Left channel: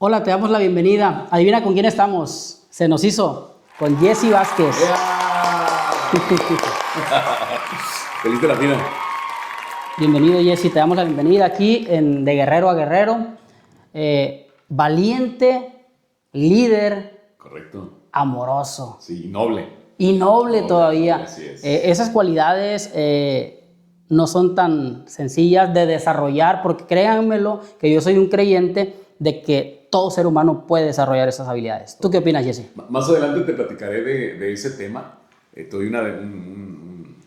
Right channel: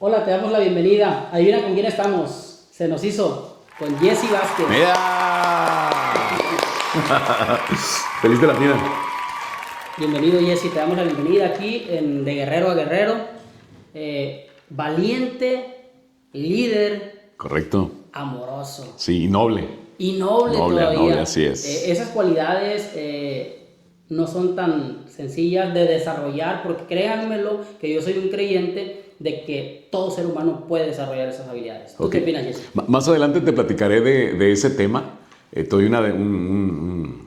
Hola, te damos la bienvenida. Adivina con quién estamos. Se nos hizo con Jesse Vázquez. Feliz de la vida. Bienvenido, Jesse. Te damos la bienvenida aquí en De Guerrero a Guerrero. Valiente, líder, Correcto. amoroso Sí, y noble. y noble todavía. Noble, así es. Esas cualidades no son tan sencillas de desarrollar, porque créanmelo que yo soy un creyente de que todo ser humano puede desarrollar esas habilidades. ¿Tú qué opinas, Jesse? Más adelante te platicaré de ese tema. Te doy un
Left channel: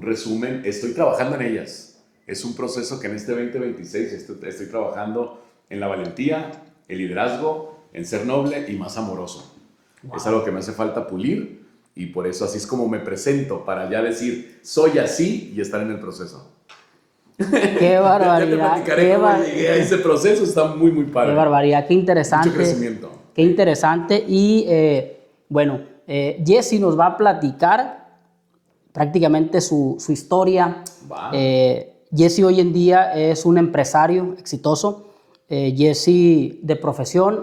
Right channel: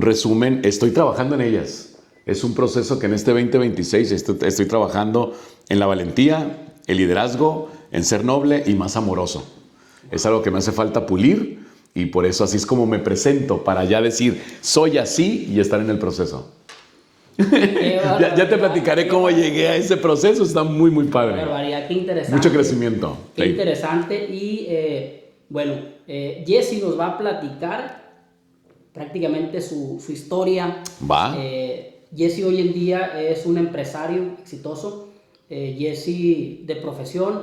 resumen. Estoy trabajando en ellas. Es un proceso que en este 2026 estoy trabajando en la valentía, el liderazgo, en ser noble y más amoroso. Wow. Es algo que me hace falta pulir y por eso así es como me presento, para ya decir, soy así y estar en el proceso. Qué barbaridad, ya te platicaré cómo llegué a ese proceso. Está muy, muy padre. Qué barbaridad, qué interesante. Mucho crecimiento. Qué interesante. Y Jesse nos va a platicar prácticamente su historia. Va. Jesse hoy en día es un empresario exitoso. Jesse de profesión,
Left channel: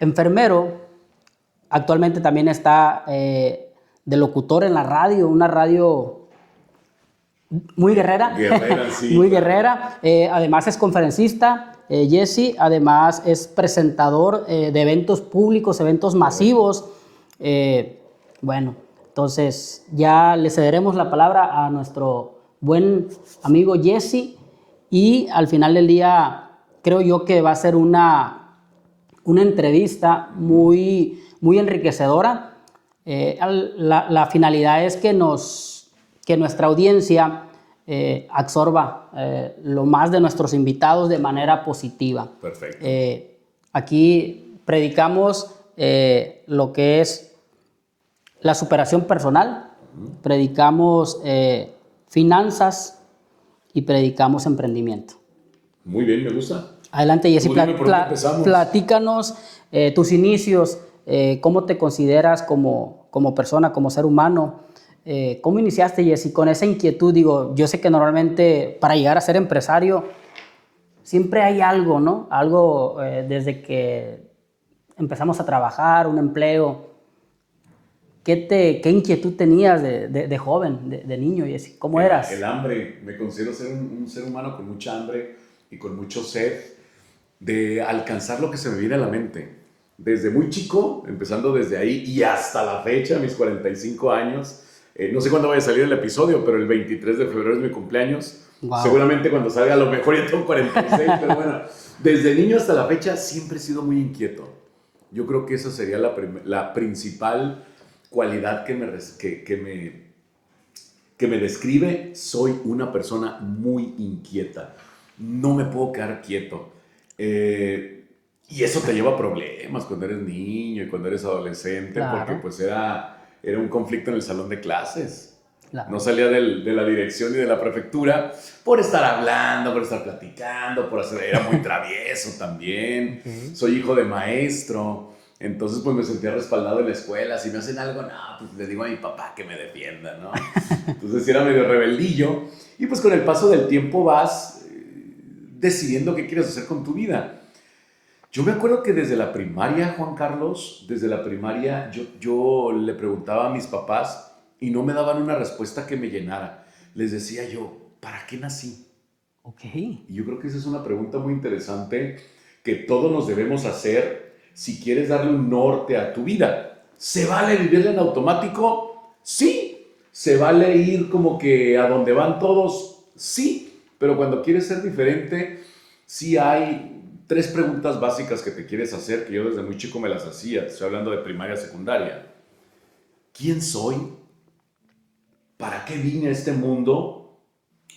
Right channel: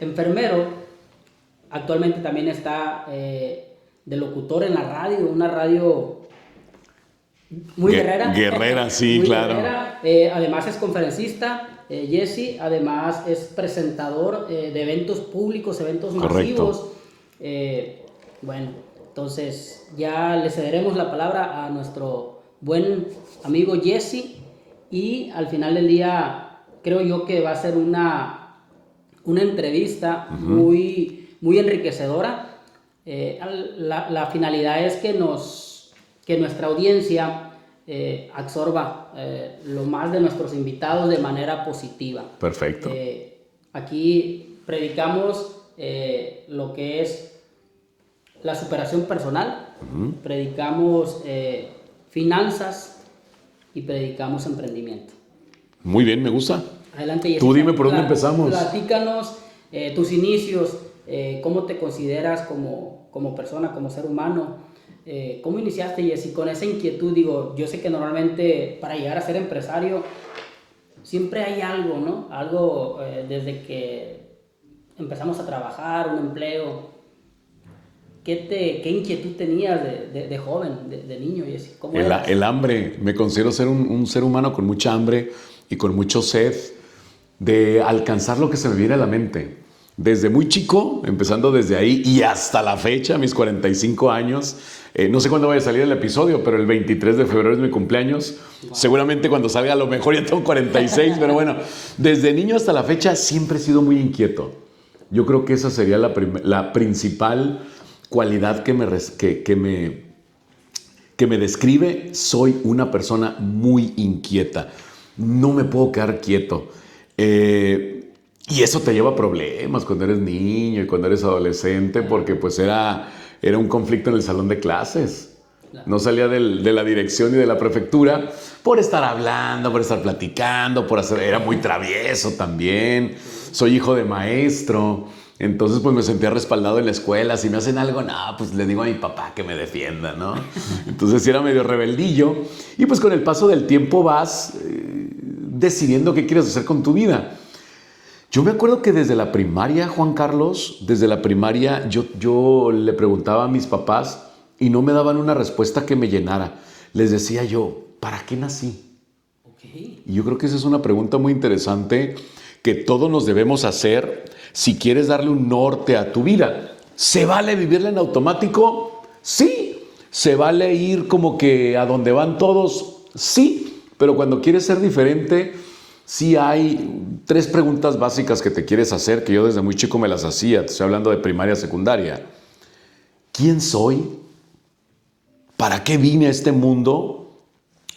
enfermero. Actualmente también está de locutor en la radio, una radio muy guerrera. Guerrera, sí, muy claro. guerrera. Además es conferencista, Jesse. Además es presentador de eventos públicos, eventos masivos. Bueno, entonces ya le cederemos la palabra a nuestro buen amigo Jesse. Y al final del día creo yo que va a ser una entrevista muy enriquecedora. La finalidad es que nuestra audiencia absorba lo más de nuestros invitados de manera positiva. Perfecto. Aquí predicamos lo que es la superación personal, predicamos finanzas y predicamos emprendimiento. Muy bien, me gusta. Adelante, Jesse. Tú dime por dónde empezamos. Platícanos tus inicios, cómo te consideras como persona, como ser humano. ¿Cómo iniciaste, Jesse, con esa inquietud? Digo, yo sé que normalmente para llegar a ser empresario siempre hay algo, ¿no? Algo desde que empezamos a trabajar, un empleo. ¿Qué inquietud tenías de joven, de niño, Jesse? ¿Cómo eras? El hambre. Me considero ser un ser humano con mucha hambre y con mucho sed de alcanzar lo que se me viene a la mente. Desde muy chico, empezando desde ahí y hasta la fecha, mis 45 años. No sé cuándo vaya a salir el episodio, pero el 23 de febrero es mi cumpleaños. Wow. Seguramente cuando salga a lo mejor ya tengo 46, pero bueno, desde niño hasta la fecha siempre he sido muy inquieto. Yo creo que esa sería la principal cualidad que me describe. Soy una persona muy inquieta. No me puedo quedar quieto. Y eso te lleva a problemas cuando eres niño y cuando eres adolescente, claro. Porque pues era un conflicto en el salón de clases. Claro. No salía de la dirección y de la prefectura por estar hablando, por estar platicando, era muy travieso también. Soy hijo de maestro. Entonces, pues me sentía respaldado en la escuela. Si me hacen algo, no, pues le digo a mi papá que me defienda, ¿no? Entonces, sí era medio rebeldillo. Y pues con el paso del tiempo vas decidiendo qué quieres hacer con tu vida. Yo me acuerdo que desde la primaria, Juan Carlos, desde la primaria yo le preguntaba a mis papás y no me daban una respuesta que me llenara. Les decía yo, ¿para qué nací? Okay. Y yo creo que esa es una pregunta muy interesante que todos nos debemos hacer si quieres darle un norte a tu vida. ¿Se vale vivirla en automático? Sí. ¿Se vale ir como que a donde van todos? Sí. Pero cuando quieres ser diferente, sí hay 3 preguntas básicas que te quieres hacer, que yo desde muy chico me las hacía. Te estoy hablando de primaria, secundaria. ¿Quién soy? ¿Para qué vine a este mundo?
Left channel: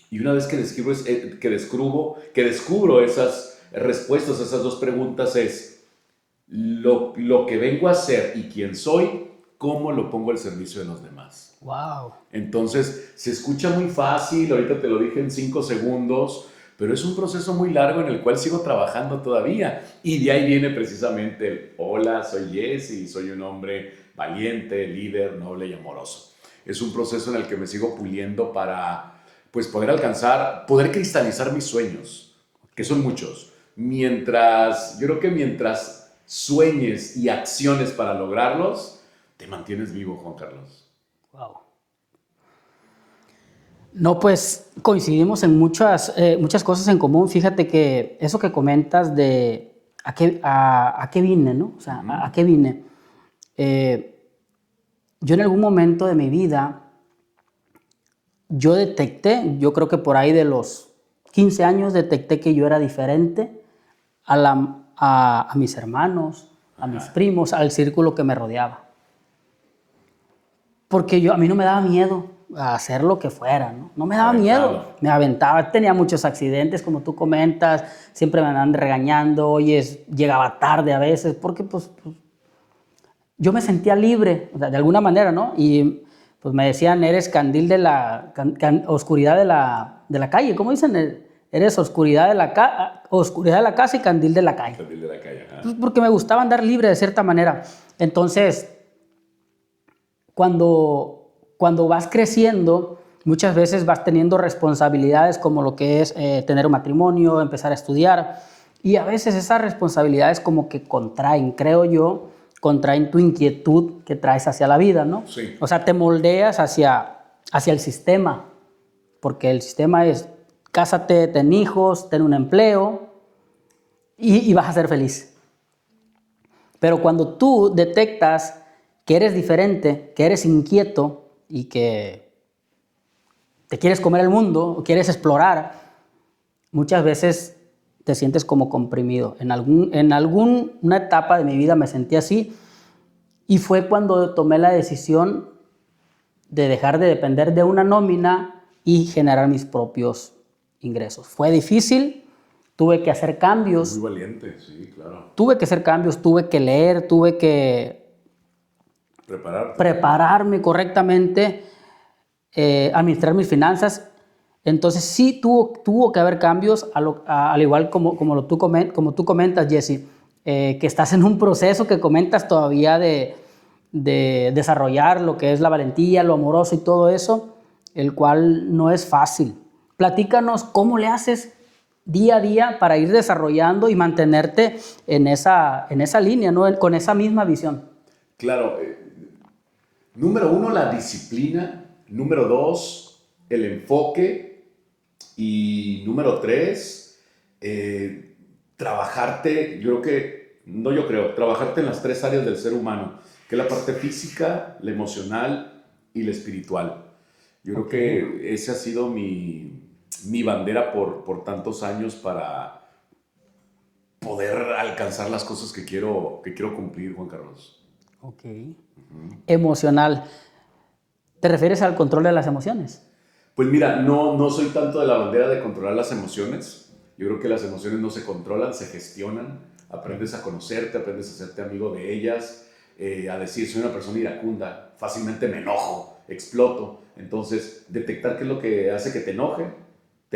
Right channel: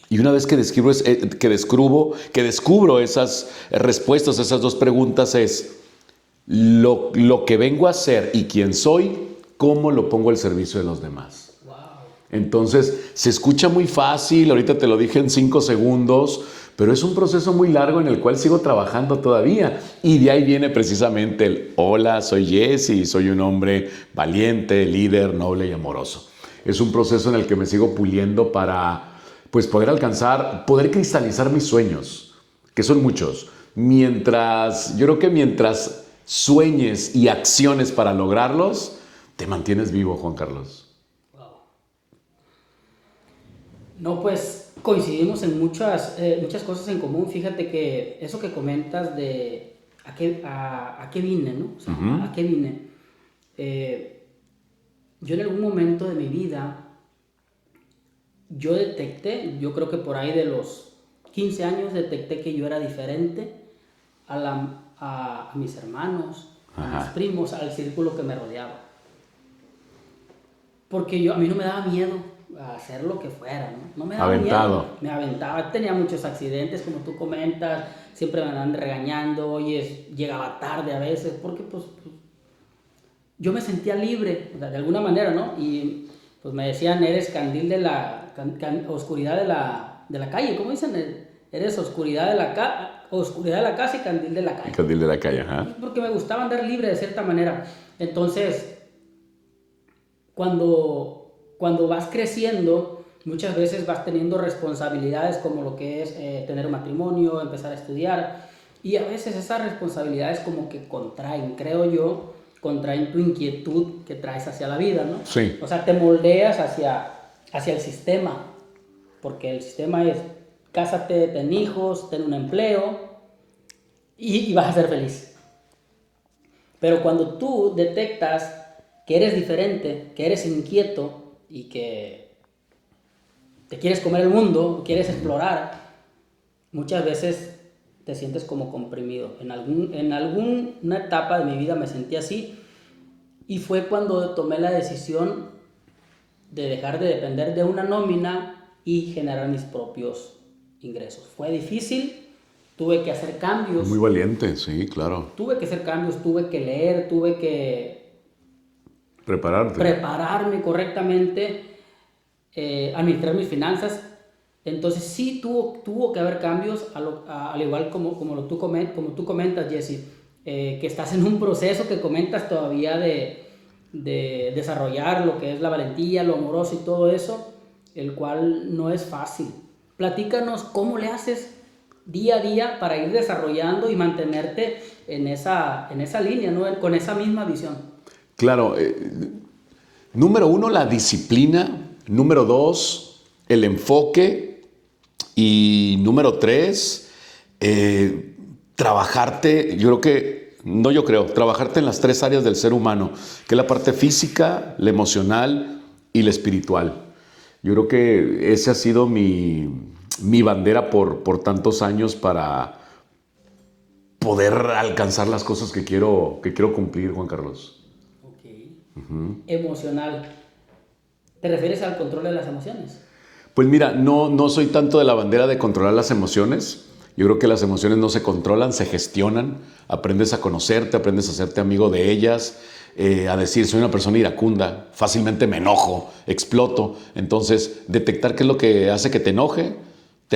Y una vez que descubro esas respuestas a esas 2 preguntas es lo que vengo a hacer y quién soy, cómo lo pongo al servicio de los demás. Wow. Entonces, se escucha muy fácil, ahorita te lo dije en 5 segundos, pero es un proceso muy largo en el cual sigo trabajando todavía. Y de ahí viene precisamente el hola, soy Jesse, soy un hombre valiente, líder, noble y amoroso. Es un proceso en el que me sigo puliendo para pues, poder cristalizar mis sueños, que son muchos. yo creo que mientras sueñes y acciones para lograrlos, te mantienes vivo, Juan Carlos. Wow. No, pues coincidimos en muchas cosas en común. Fíjate que eso que comentas de a qué vine, ¿no? O sea, a qué vine. Yo en algún momento de mi vida, yo detecté, yo creo que por ahí de los 15 años, detecté que yo era diferente a mis hermanos, a mis primos, al círculo que me rodeaba. Porque a mí no me daba miedo a hacer lo que fuera, ¿no? No me daba miedo. Me aventaba, tenía muchos accidentes, como tú comentas, siempre me andaban regañando, llegaba tarde a veces, porque pues yo me sentía libre, o sea, de alguna manera, ¿no? Y pues me decían, eres candil de la oscuridad de la calle, ¿cómo dicen? Eres oscuridad de la casa y candil de la calle. Candil de la calle, ajá. Pues porque me gustaba andar libre de cierta manera. Entonces, cuando vas creciendo, muchas veces vas teniendo responsabilidades como lo que es tener un matrimonio, empezar a estudiar, y a veces esas responsabilidades como que contraen, creo yo, contraen tu inquietud que traes hacia la vida, ¿no? Sí. O sea, te moldeas hacia el sistema, porque el sistema es cásate, ten hijos, ten un empleo y vas a ser feliz. Pero cuando tú detectas que eres diferente, que eres inquieto y que te quieres comer el mundo, quieres explorar, muchas veces te sientes como comprimido. En alguna etapa de mi vida me sentí así y fue cuando tomé la decisión de dejar de depender de una nómina y generar mis propios ingresos. Fue difícil, tuve que hacer cambios. Muy valiente, sí, claro. Tuve que hacer cambios, tuve que leer, tuve que prepararme correctamente, administrar mis finanzas. Entonces sí tuvo que haber cambios, al igual como tú comentas, Jesse, que estás en un proceso que comentas todavía de desarrollar lo que es la valentía, lo amoroso y todo eso, el cual no es fácil. Platícanos cómo le haces día a día para ir desarrollando y mantenerte en esa línea, ¿no? Con esa misma visión. Claro. Número 1, la disciplina. Número 2, el enfoque. Y número 3, trabajarte, trabajarte en las 3 áreas del ser humano, que es la parte física, la emocional y la espiritual. Yo creo que esa ha sido mi bandera por tantos años para poder alcanzar las cosas que quiero cumplir, Juan Carlos. Ok. Emocional. ¿Te refieres al control de las emociones? Pues mira, no soy tanto de la bandera de controlar las emociones. Yo creo que las emociones no se controlan, se gestionan. Aprendes a conocerte, aprendes a hacerte amigo de ellas, a decir, soy una persona iracunda, fácilmente me enojo, exploto. Entonces, detectar qué es lo que hace que te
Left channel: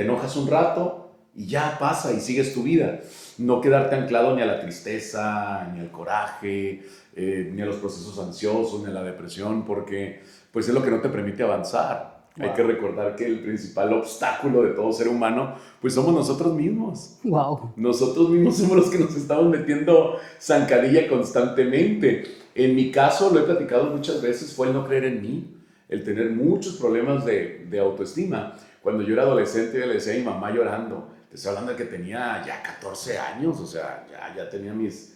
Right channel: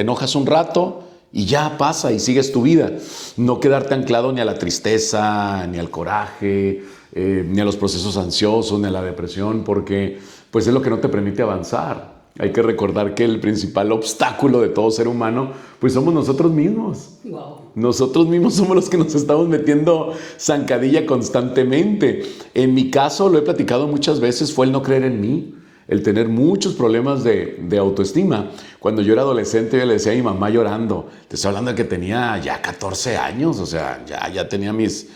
enojas un rato y ya pasa y sigues tu vida. No quedarte anclado ni a la tristeza, ni al coraje, ni a los procesos ansiosos, ni a la depresión, porque pues es lo que no te permite avanzar. Hay que recordar que el principal obstáculo de todo ser humano, pues somos nosotros mismos. Wow. Nosotros mismos somos los que nos estamos metiendo zancadilla constantemente. En mi caso, lo he platicado muchas veces, fue el no creer en mí, el tener muchos problemas de autoestima. Cuando yo era adolescente, yo le decía a mi mamá llorando, te estoy hablando de que tenía ya 14 años, o sea, ya tenía mis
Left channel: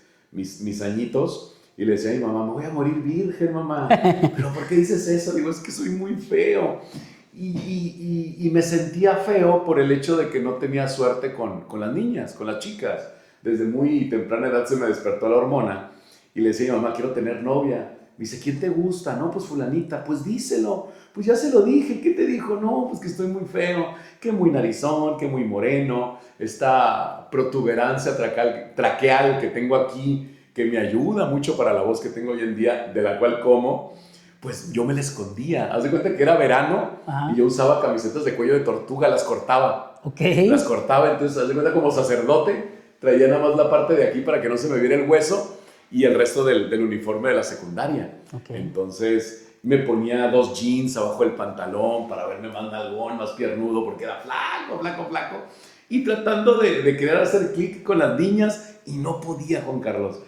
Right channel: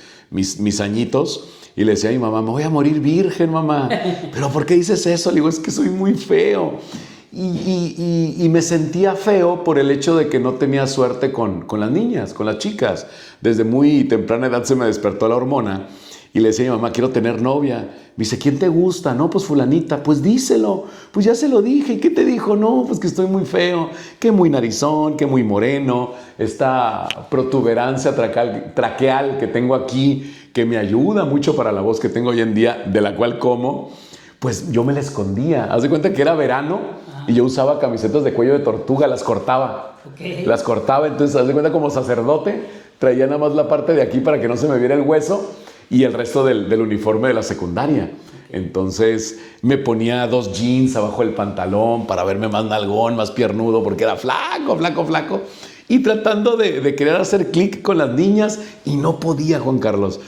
añitos. Y le decía a mi mamá, me voy a morir virgen, mamá. ¿Pero por qué dices eso? Le digo, es que soy muy feo. Y me sentía feo por el hecho de que no tenía suerte con las niñas, con las chicas. Desde muy temprana edad se me despertó la hormona. Y le decía a mi mamá, quiero tener novia. Me dice, ¿quién te gusta? No, pues fulanita. Pues díselo. Pues ya se lo dije. ¿Y qué te dijo? No, pues que estoy muy feo, que muy narizón, que muy moreno. Esta protuberancia traqueal que tengo aquí, que me ayuda mucho para la voz que tengo hoy en día, de la cual como, pues yo me la escondía. Haz de cuenta que era verano. Ajá. Y yo usaba camisetas de cuello de tortuga, las cortaba. Okay. Las cortaba, entonces haz de cuenta como sacerdote, traía nada más la parte de aquí para que no se me viera el hueso y el resto del uniforme de la secundaria. Okay. Entonces me ponía 2 jeans abajo del pantalón para verme más nalgón, más piernudo, porque era flaco. y tratando de querer hacer clic con las niñas y no podía, Juan Carlos.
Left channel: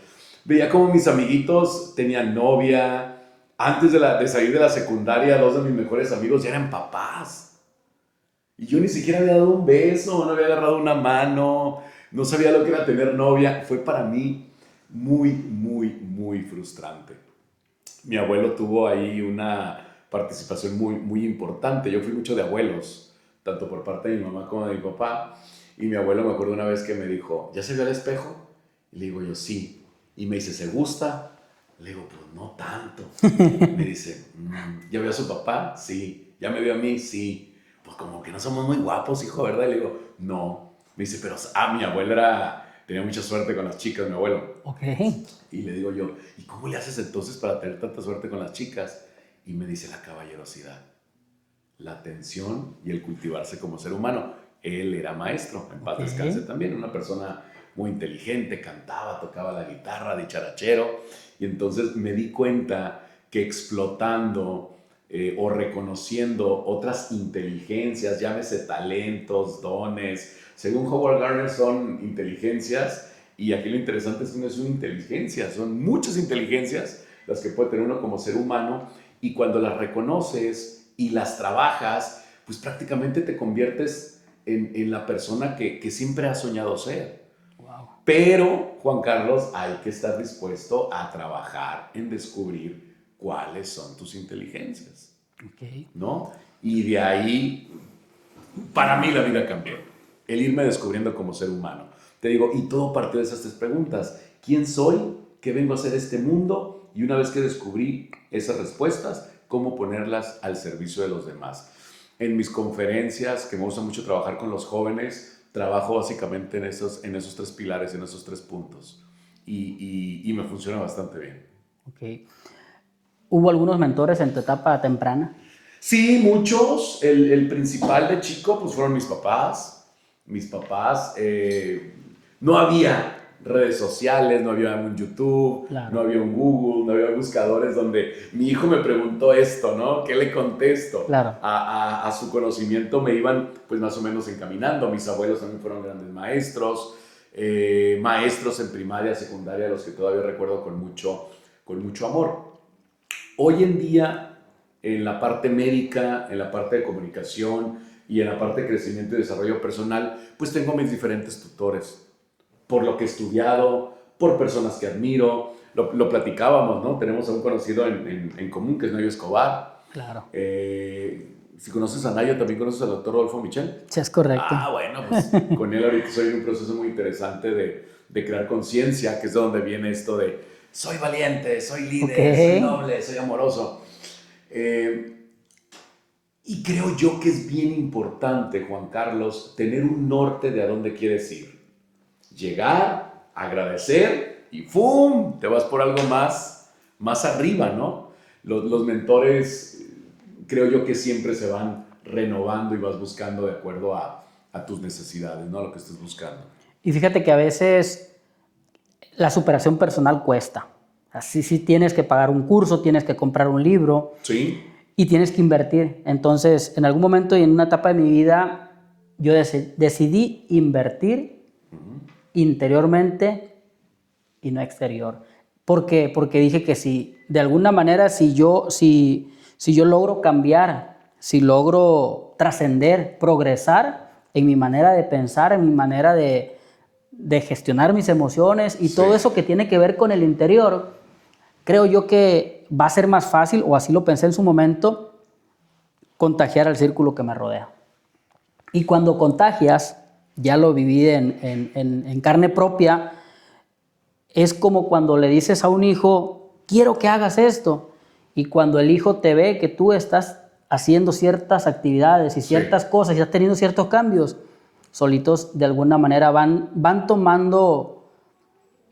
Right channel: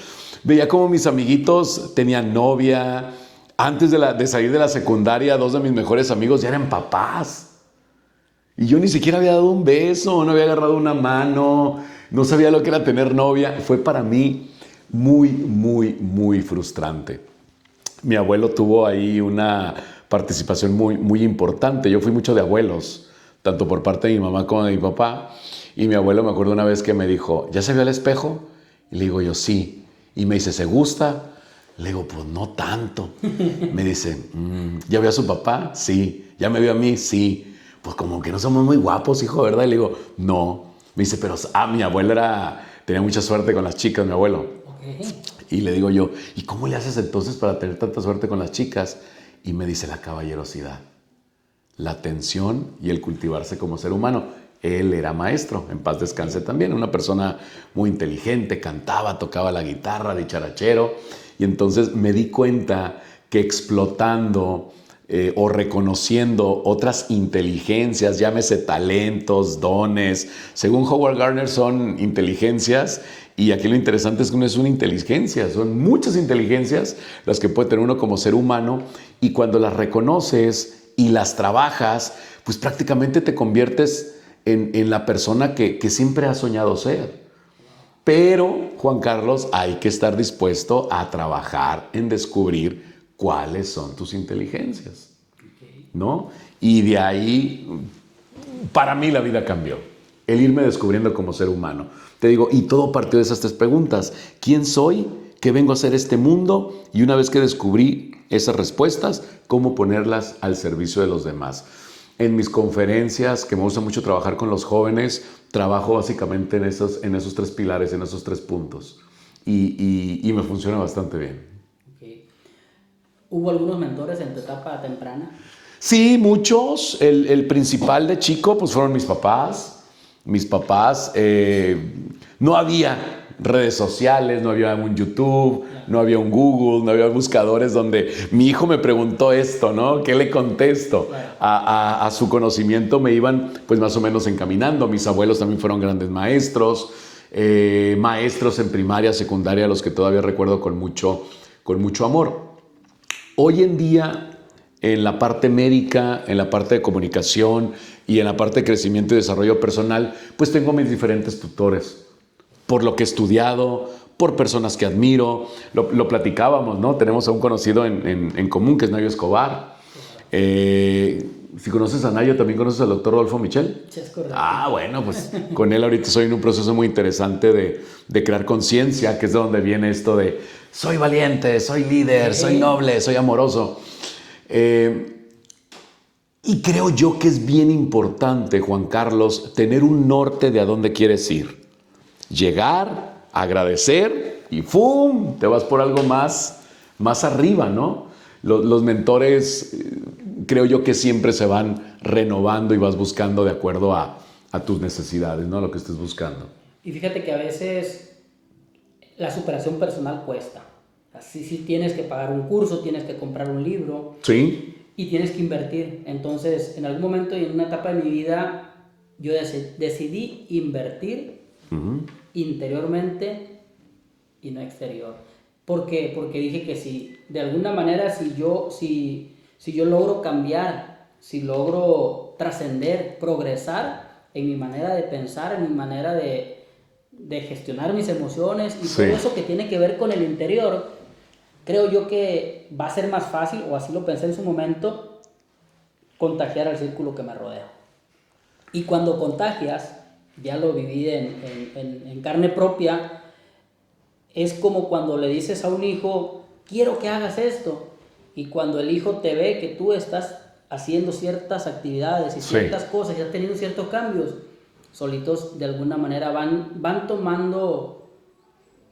Veía como mis amiguitos tenían novia. Antes de salir de la secundaria, 2 de mis mejores amigos ya eran papás. Y yo ni siquiera había dado un beso, no había agarrado una mano, no sabía lo que era tener novia. Fue para mí muy, muy, muy frustrante. Mi abuelo tuvo ahí una participación muy, muy importante. Yo fui mucho de abuelos, tanto por parte de mi mamá como de mi papá. Y mi abuelo, me acuerdo una vez que me dijo, ¿ya se vio al espejo? Y le digo yo, sí. Y me dice, ¿se gusta? Le digo, pues no tanto. Me dice, ¿ya vio a su papá? Sí. ¿Ya me vio a mí? Sí. Pues como que no somos muy guapos, hijo, ¿verdad? Y le digo, no. Me dice, pero mi abuelo tenía mucha suerte con las chicas, mi abuelo. Ok. Y le digo yo, ¿y cómo le haces entonces para tener tanta suerte con las chicas? Y me dice, la caballerosidad, la atención y el cultivarse como ser humano. Él era maestro, en paz descanse también, una persona muy inteligente, cantaba, tocaba la guitarra, dicharachero. Y entonces me di cuenta que explotando o reconociendo otras inteligencias, llámese talentos, dones, según Howard Gardner son inteligencias, y aquí lo interesante es que no es una inteligencia, son muchas inteligencias las que puede tener uno como ser humano, y cuando las reconoces y las trabajas, pues prácticamente te conviertes en la persona que siempre has soñado ser. Pero, Juan Carlos, hay que estar dispuesto a trabajar en descubrir cuáles son tus inteligencias, ¿no? Y de ahí, para mí la vida cambió. El irme descubriendo como ser humano. Te digo, y todo partió de esas 3 preguntas. ¿Quién soy? ¿Qué vengo a hacer este mundo? Y una vez que descubrí esas respuestas, ¿cómo ponerlas al servicio de los demás? En mis conferencias, que me gusta mucho trabajar con los jóvenes, trabajo básicamente en esos 3 pilares, en esos 3 puntos. Y me funciona bastante bien. Ok. ¿Hubo algunos mentores en tu etapa temprana? Sí, muchos. El principal de chico, pues fueron mis papás. Mis papás, no había redes sociales, no había un YouTube, Claro. no había un Google, no había buscadores donde mi hijo me preguntó esto, ¿no? ¿Qué le contesto? Claro. A su conocimiento me iban pues más o menos encaminando. Mis abuelos también fueron grandes maestros, maestros en primaria, secundaria, los que todavía recuerdo con mucho amor. Hoy en día, en la parte médica, en la parte de comunicación y en la parte de crecimiento y desarrollo personal, pues tengo mis diferentes tutores. Por lo que he estudiado, por personas que admiro. Lo platicábamos, ¿no? Tenemos a un conocido en común, que es Nayo Escobar. Claro. Si conoces a Nayo, ¿también conoces al doctor Rodolfo Michel? Sí, es correcto. Bueno, pues con él ahorita estoy en un proceso muy interesante de crear conciencia, que es de donde viene esto de soy valiente, soy líder, soy noble, soy amoroso. Y creo yo que es bien importante, Juan Carlos, tener un norte de a dónde quieres ir. Llegar, agradecer y ¡fum! Te vas por algo más arriba, ¿no? Los mentores, creo yo que siempre se van renovando y vas buscando de acuerdo a tus necesidades, ¿no? Lo que estés buscando. Y fíjate que a veces la superación personal cuesta. Así sí tienes que pagar un curso, tienes que comprar un libro. Sí. Y tienes que invertir. Entonces, en algún momento y en una etapa de mi vida, yo decidí invertir interiormente y no exterior. ¿Por qué? Porque dije que si, de alguna manera, si yo logro cambiar, si logro trascender, progresar en mi manera de pensar, en mi manera de gestionar mis emociones y todo eso que tiene que ver con el interior, creo yo que va a ser más fácil, o así lo pensé en su momento, contagiar al círculo que me rodea. Y cuando contagias, ya lo viví en carne propia, es como cuando le dices a un hijo, quiero que hagas esto, y cuando el hijo te ve que tú estás haciendo ciertas actividades y ciertas cosas y estás teniendo ciertos cambios, solitos de alguna manera van tomando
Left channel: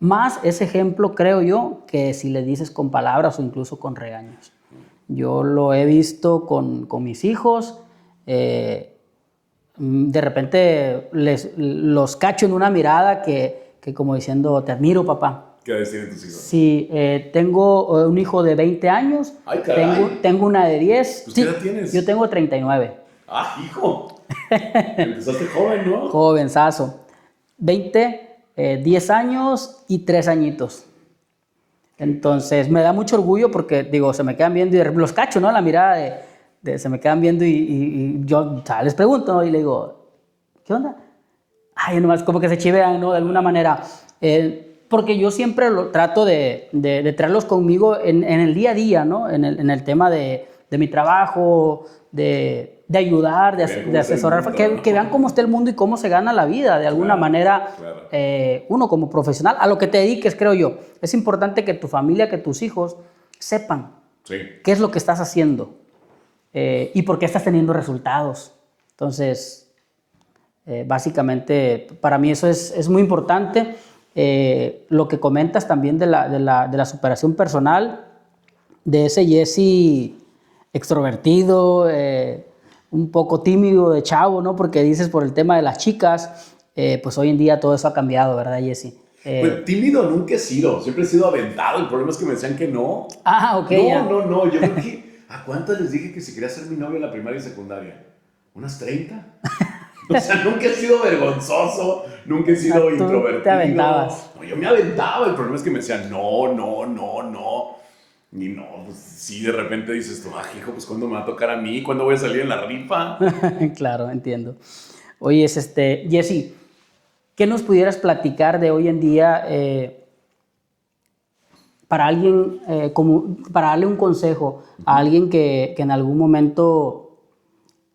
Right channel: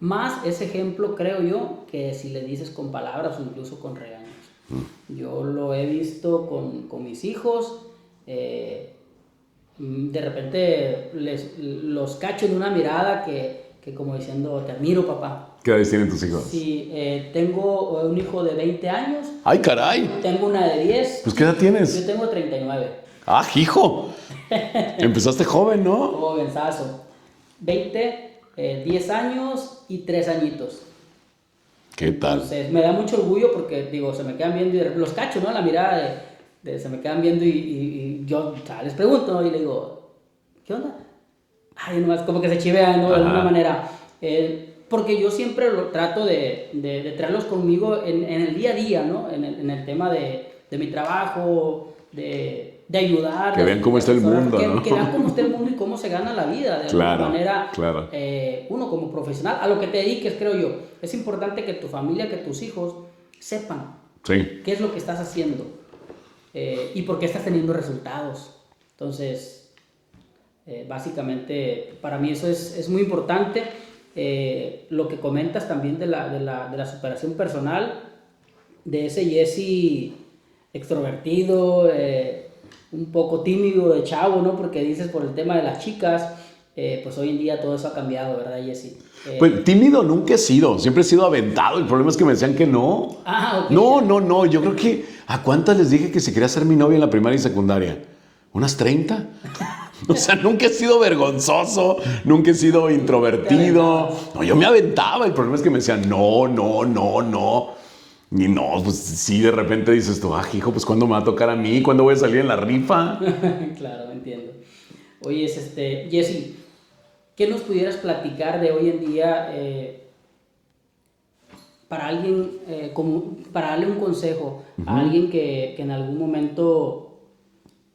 más ese ejemplo, creo yo, que si le dices con palabras o incluso con regaños. Yo lo he visto con mis hijos. De repente los cacho en una mirada que como diciendo, te admiro, papá. ¿Qué edades tienen tus hijos? Sí, tengo un hijo de 20 años. ¡Ay, caray! Tengo una de 10. Pues, ¿qué edad tienes? Yo tengo 39. ¡Ah, hijo! Empezaste joven, ¿no? Jovenzazo. 10 años y 3 añitos. ¿Qué tal? Entonces, me da mucho orgullo porque, digo, se me quedan viendo y los cacho, ¿no? La mirada se me quedan viendo y yo, o sea, les pregunto, ¿no? Y le digo, ¿qué onda? Ay, nomás como que se chivean, ¿no? De alguna manera. Porque yo siempre trato de traerlos conmigo en el día a día, ¿no? En el tema de mi trabajo, de ayudar, Que vean cómo está el asesorar, mundo, que, ¿no? que vean cómo está el mundo y cómo se gana la vida, de alguna Claro, manera. claro. Uno como profesional, a lo que te dediques, creo yo. Es importante que tu familia, que tus hijos sepan Sí. qué es lo que estás haciendo y por qué estás teniendo resultados. Entonces, básicamente, para mí eso es muy importante. Lo que comentas también de la superación personal, de ese Jesse extrovertido, un poco tímido de chavo, ¿no? Porque dices por el tema de las chicas, pues hoy en día todo eso ha cambiado, ¿verdad, Jesse? Pues tímido nunca he sido, siempre he sido aventado. El problema es que me decían que no. Ok, No, ya. no. Yo creo que. ¿A cuántas les dije que si quería ser mi novia en la primaria y secundaria? ¿Unas 30? O sea, nunca he sido vergonzoso, nunca he sido Tú te introvertido. aventabas. No, yo me aventaba. El problema es que me decían no. Y no, pues sí, de repente dices tú, hijo, pues ¿cuándo me va a tocar a mí? ¿Cuándo voy a salir en la rifa? Claro, entiendo. Oye, Jesse, ¿qué nos pudieras platicar de hoy en día para alguien, para darle un consejo a alguien que en algún momento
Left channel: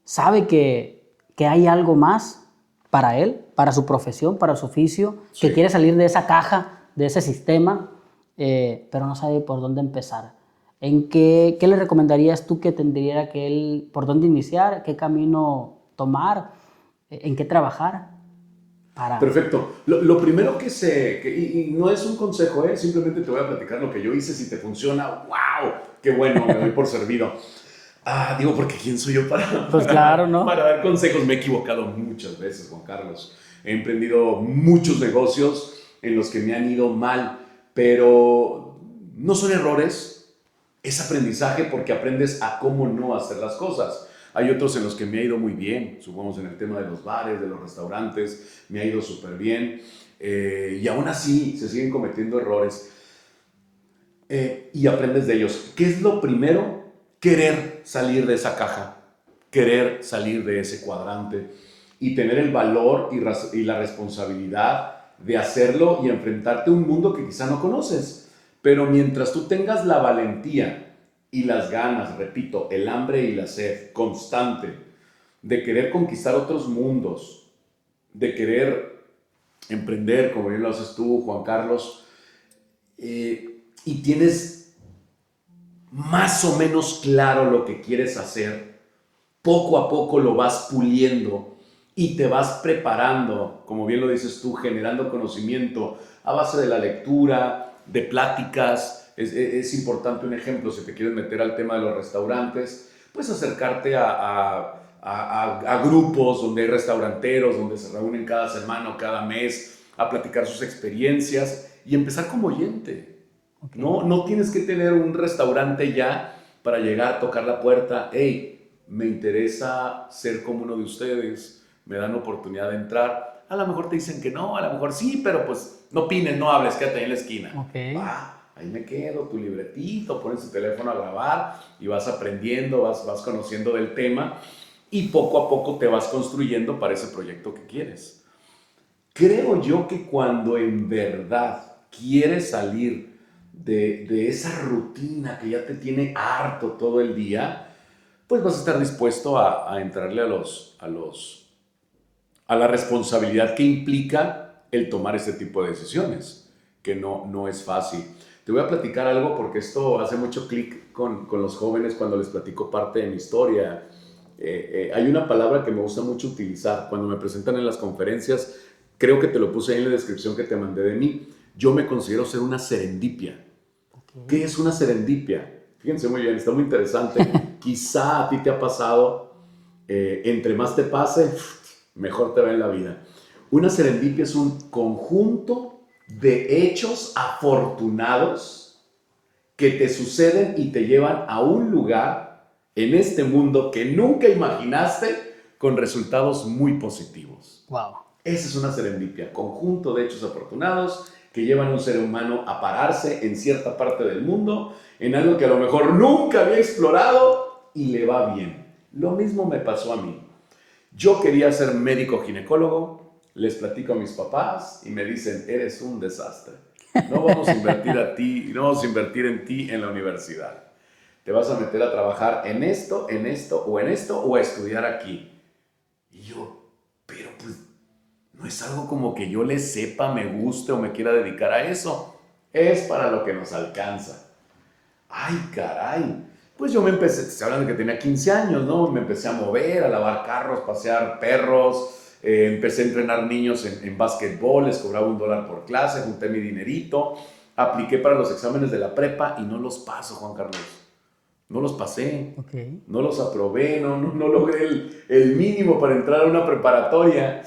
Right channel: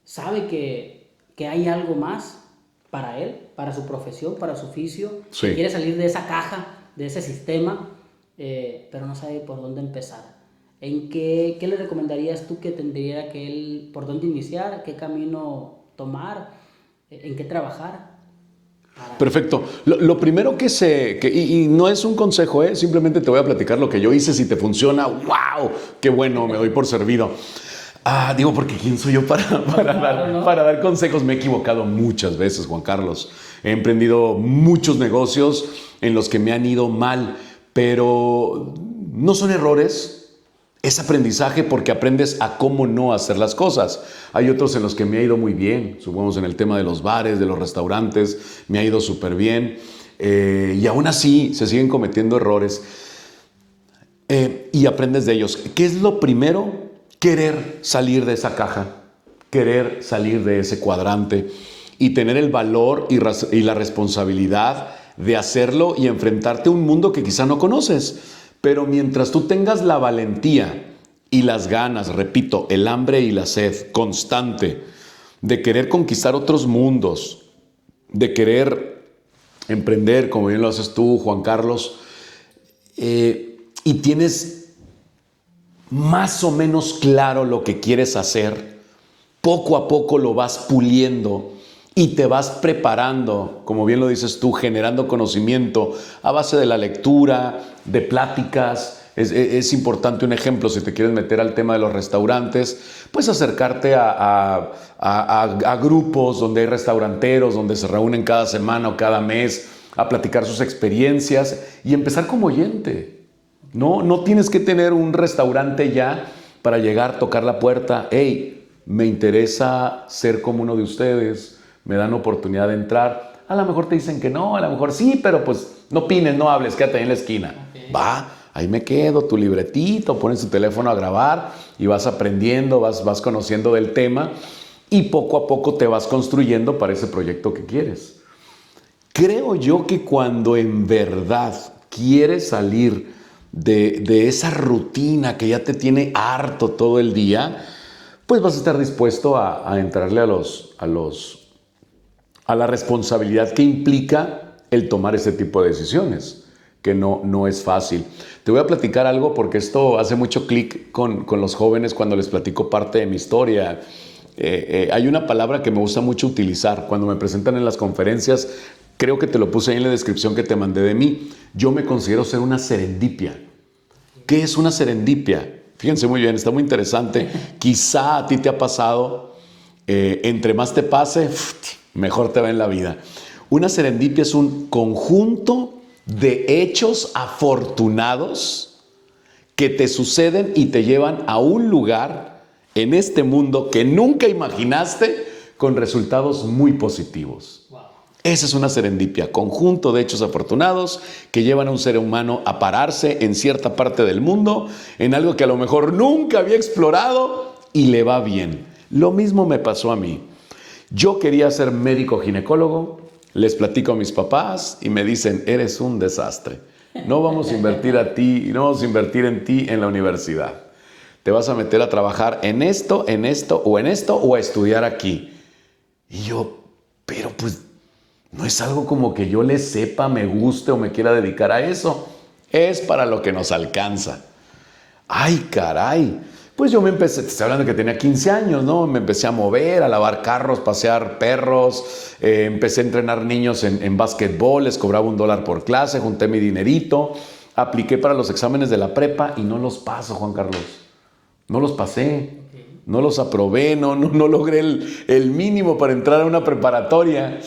sabe que hay algo más para él, para su profesión, para su oficio, Sí. que quiere salir de esa caja, de ese sistema, pero no sabe por dónde empezar? ¿Qué le recomendarías tú que tendría que él, por dónde iniciar, qué camino tomar, en qué trabajar? Perfecto. Lo primero y no es un consejo, simplemente te voy a platicar lo que yo hice. Si te funciona, ¡wow! ¡Qué bueno! Me doy por servido. Digo, porque ¿quién soy yo Claro, ¿no? para dar consejos? Me he equivocado muchas veces, Juan Carlos. He emprendido muchos negocios en los que me han ido mal, pero no son errores. Es aprendizaje porque aprendes a cómo no hacer las cosas. Hay otros en los que me ha ido muy bien, supongamos en el tema de los bares, de los restaurantes, me ha ido súper bien. Y aún así se siguen cometiendo errores y aprendes de ellos. ¿Qué es lo primero? Querer salir de esa caja, querer salir de ese cuadrante y tener el valor y la responsabilidad de hacerlo y enfrentarte a un mundo que quizá no conoces. Pero mientras tú tengas la valentía y las ganas, repito, el hambre y la sed constante de querer conquistar otros mundos, de querer emprender, como bien lo haces tú, Juan Carlos, y tienes más o menos claro lo que quieres hacer, poco a poco lo vas puliendo y te vas preparando, como bien lo dices tú, generando conocimiento a base de la lectura, de pláticas. Es importante un ejemplo, si te quieres meter al tema de los restaurantes, pues acercarte a grupos donde hay restauranteros, donde se reúnen cada semana o cada mes a platicar sus experiencias y empezar como oyente. No tienes que tener un restaurante ya para llegar, tocar la puerta. Hey, me interesa ser como uno de ustedes, me dan oportunidad de entrar. A lo mejor te dicen que no, a lo mejor sí, pero pues no opines, no hables, quédate ahí en la esquina. Okay. Va, ahí me quedo, tu libretito, pones tu teléfono a grabar y vas aprendiendo, vas conociendo del tema y poco a poco te vas construyendo para ese proyecto que quieres. Creo yo que cuando en verdad quieres salir de esa rutina que ya te tiene harto todo el día, pues vas a estar dispuesto a entrarle a la responsabilidad que implica el tomar ese tipo de decisiones, que no es fácil. Te voy a platicar algo porque esto hace mucho clic con los jóvenes cuando les platico parte de mi historia. Hay una palabra que me gusta mucho utilizar cuando me presentan en las conferencias. Creo que te lo puse ahí en la descripción que te mandé de mí. Yo me considero ser una serendipia. ¿Qué es una serendipia? Fíjense muy bien, está muy interesante. Quizá a ti te ha pasado, entre más te pase, mejor te va en la vida. Una serendipia es un conjunto de hechos afortunados que te suceden y te llevan a un lugar en este mundo que nunca imaginaste con resultados muy positivos. Wow. Esa es una serendipia, conjunto de hechos afortunados que llevan a un ser humano a pararse en cierta parte del mundo, en algo que a lo mejor nunca había explorado y le va bien. Lo mismo me pasó a mí. Yo quería ser médico ginecólogo, les platico a mis papás y me dicen, eres un desastre. No vamos a invertir no vamos a invertir en ti en la universidad. Te vas a meter a trabajar en esto o a estudiar aquí. Y yo, pero pues no es algo como que yo le sepa, me guste o me quiera dedicar a eso. Es para lo que nos alcanza. ¡Ay, caray! Pues yo me empecé, te estoy hablando que tenía 15 años, ¿no? Me empecé a mover, a lavar carros, pasear perros, empecé a entrenar niños en básquetbol, les cobraba $1 por clase, junté mi dinerito, apliqué para los exámenes de la prepa y no los paso, Juan Carlos. No los pasé, Okay. no los aprobé, no logré el mínimo para entrar a una preparatoria.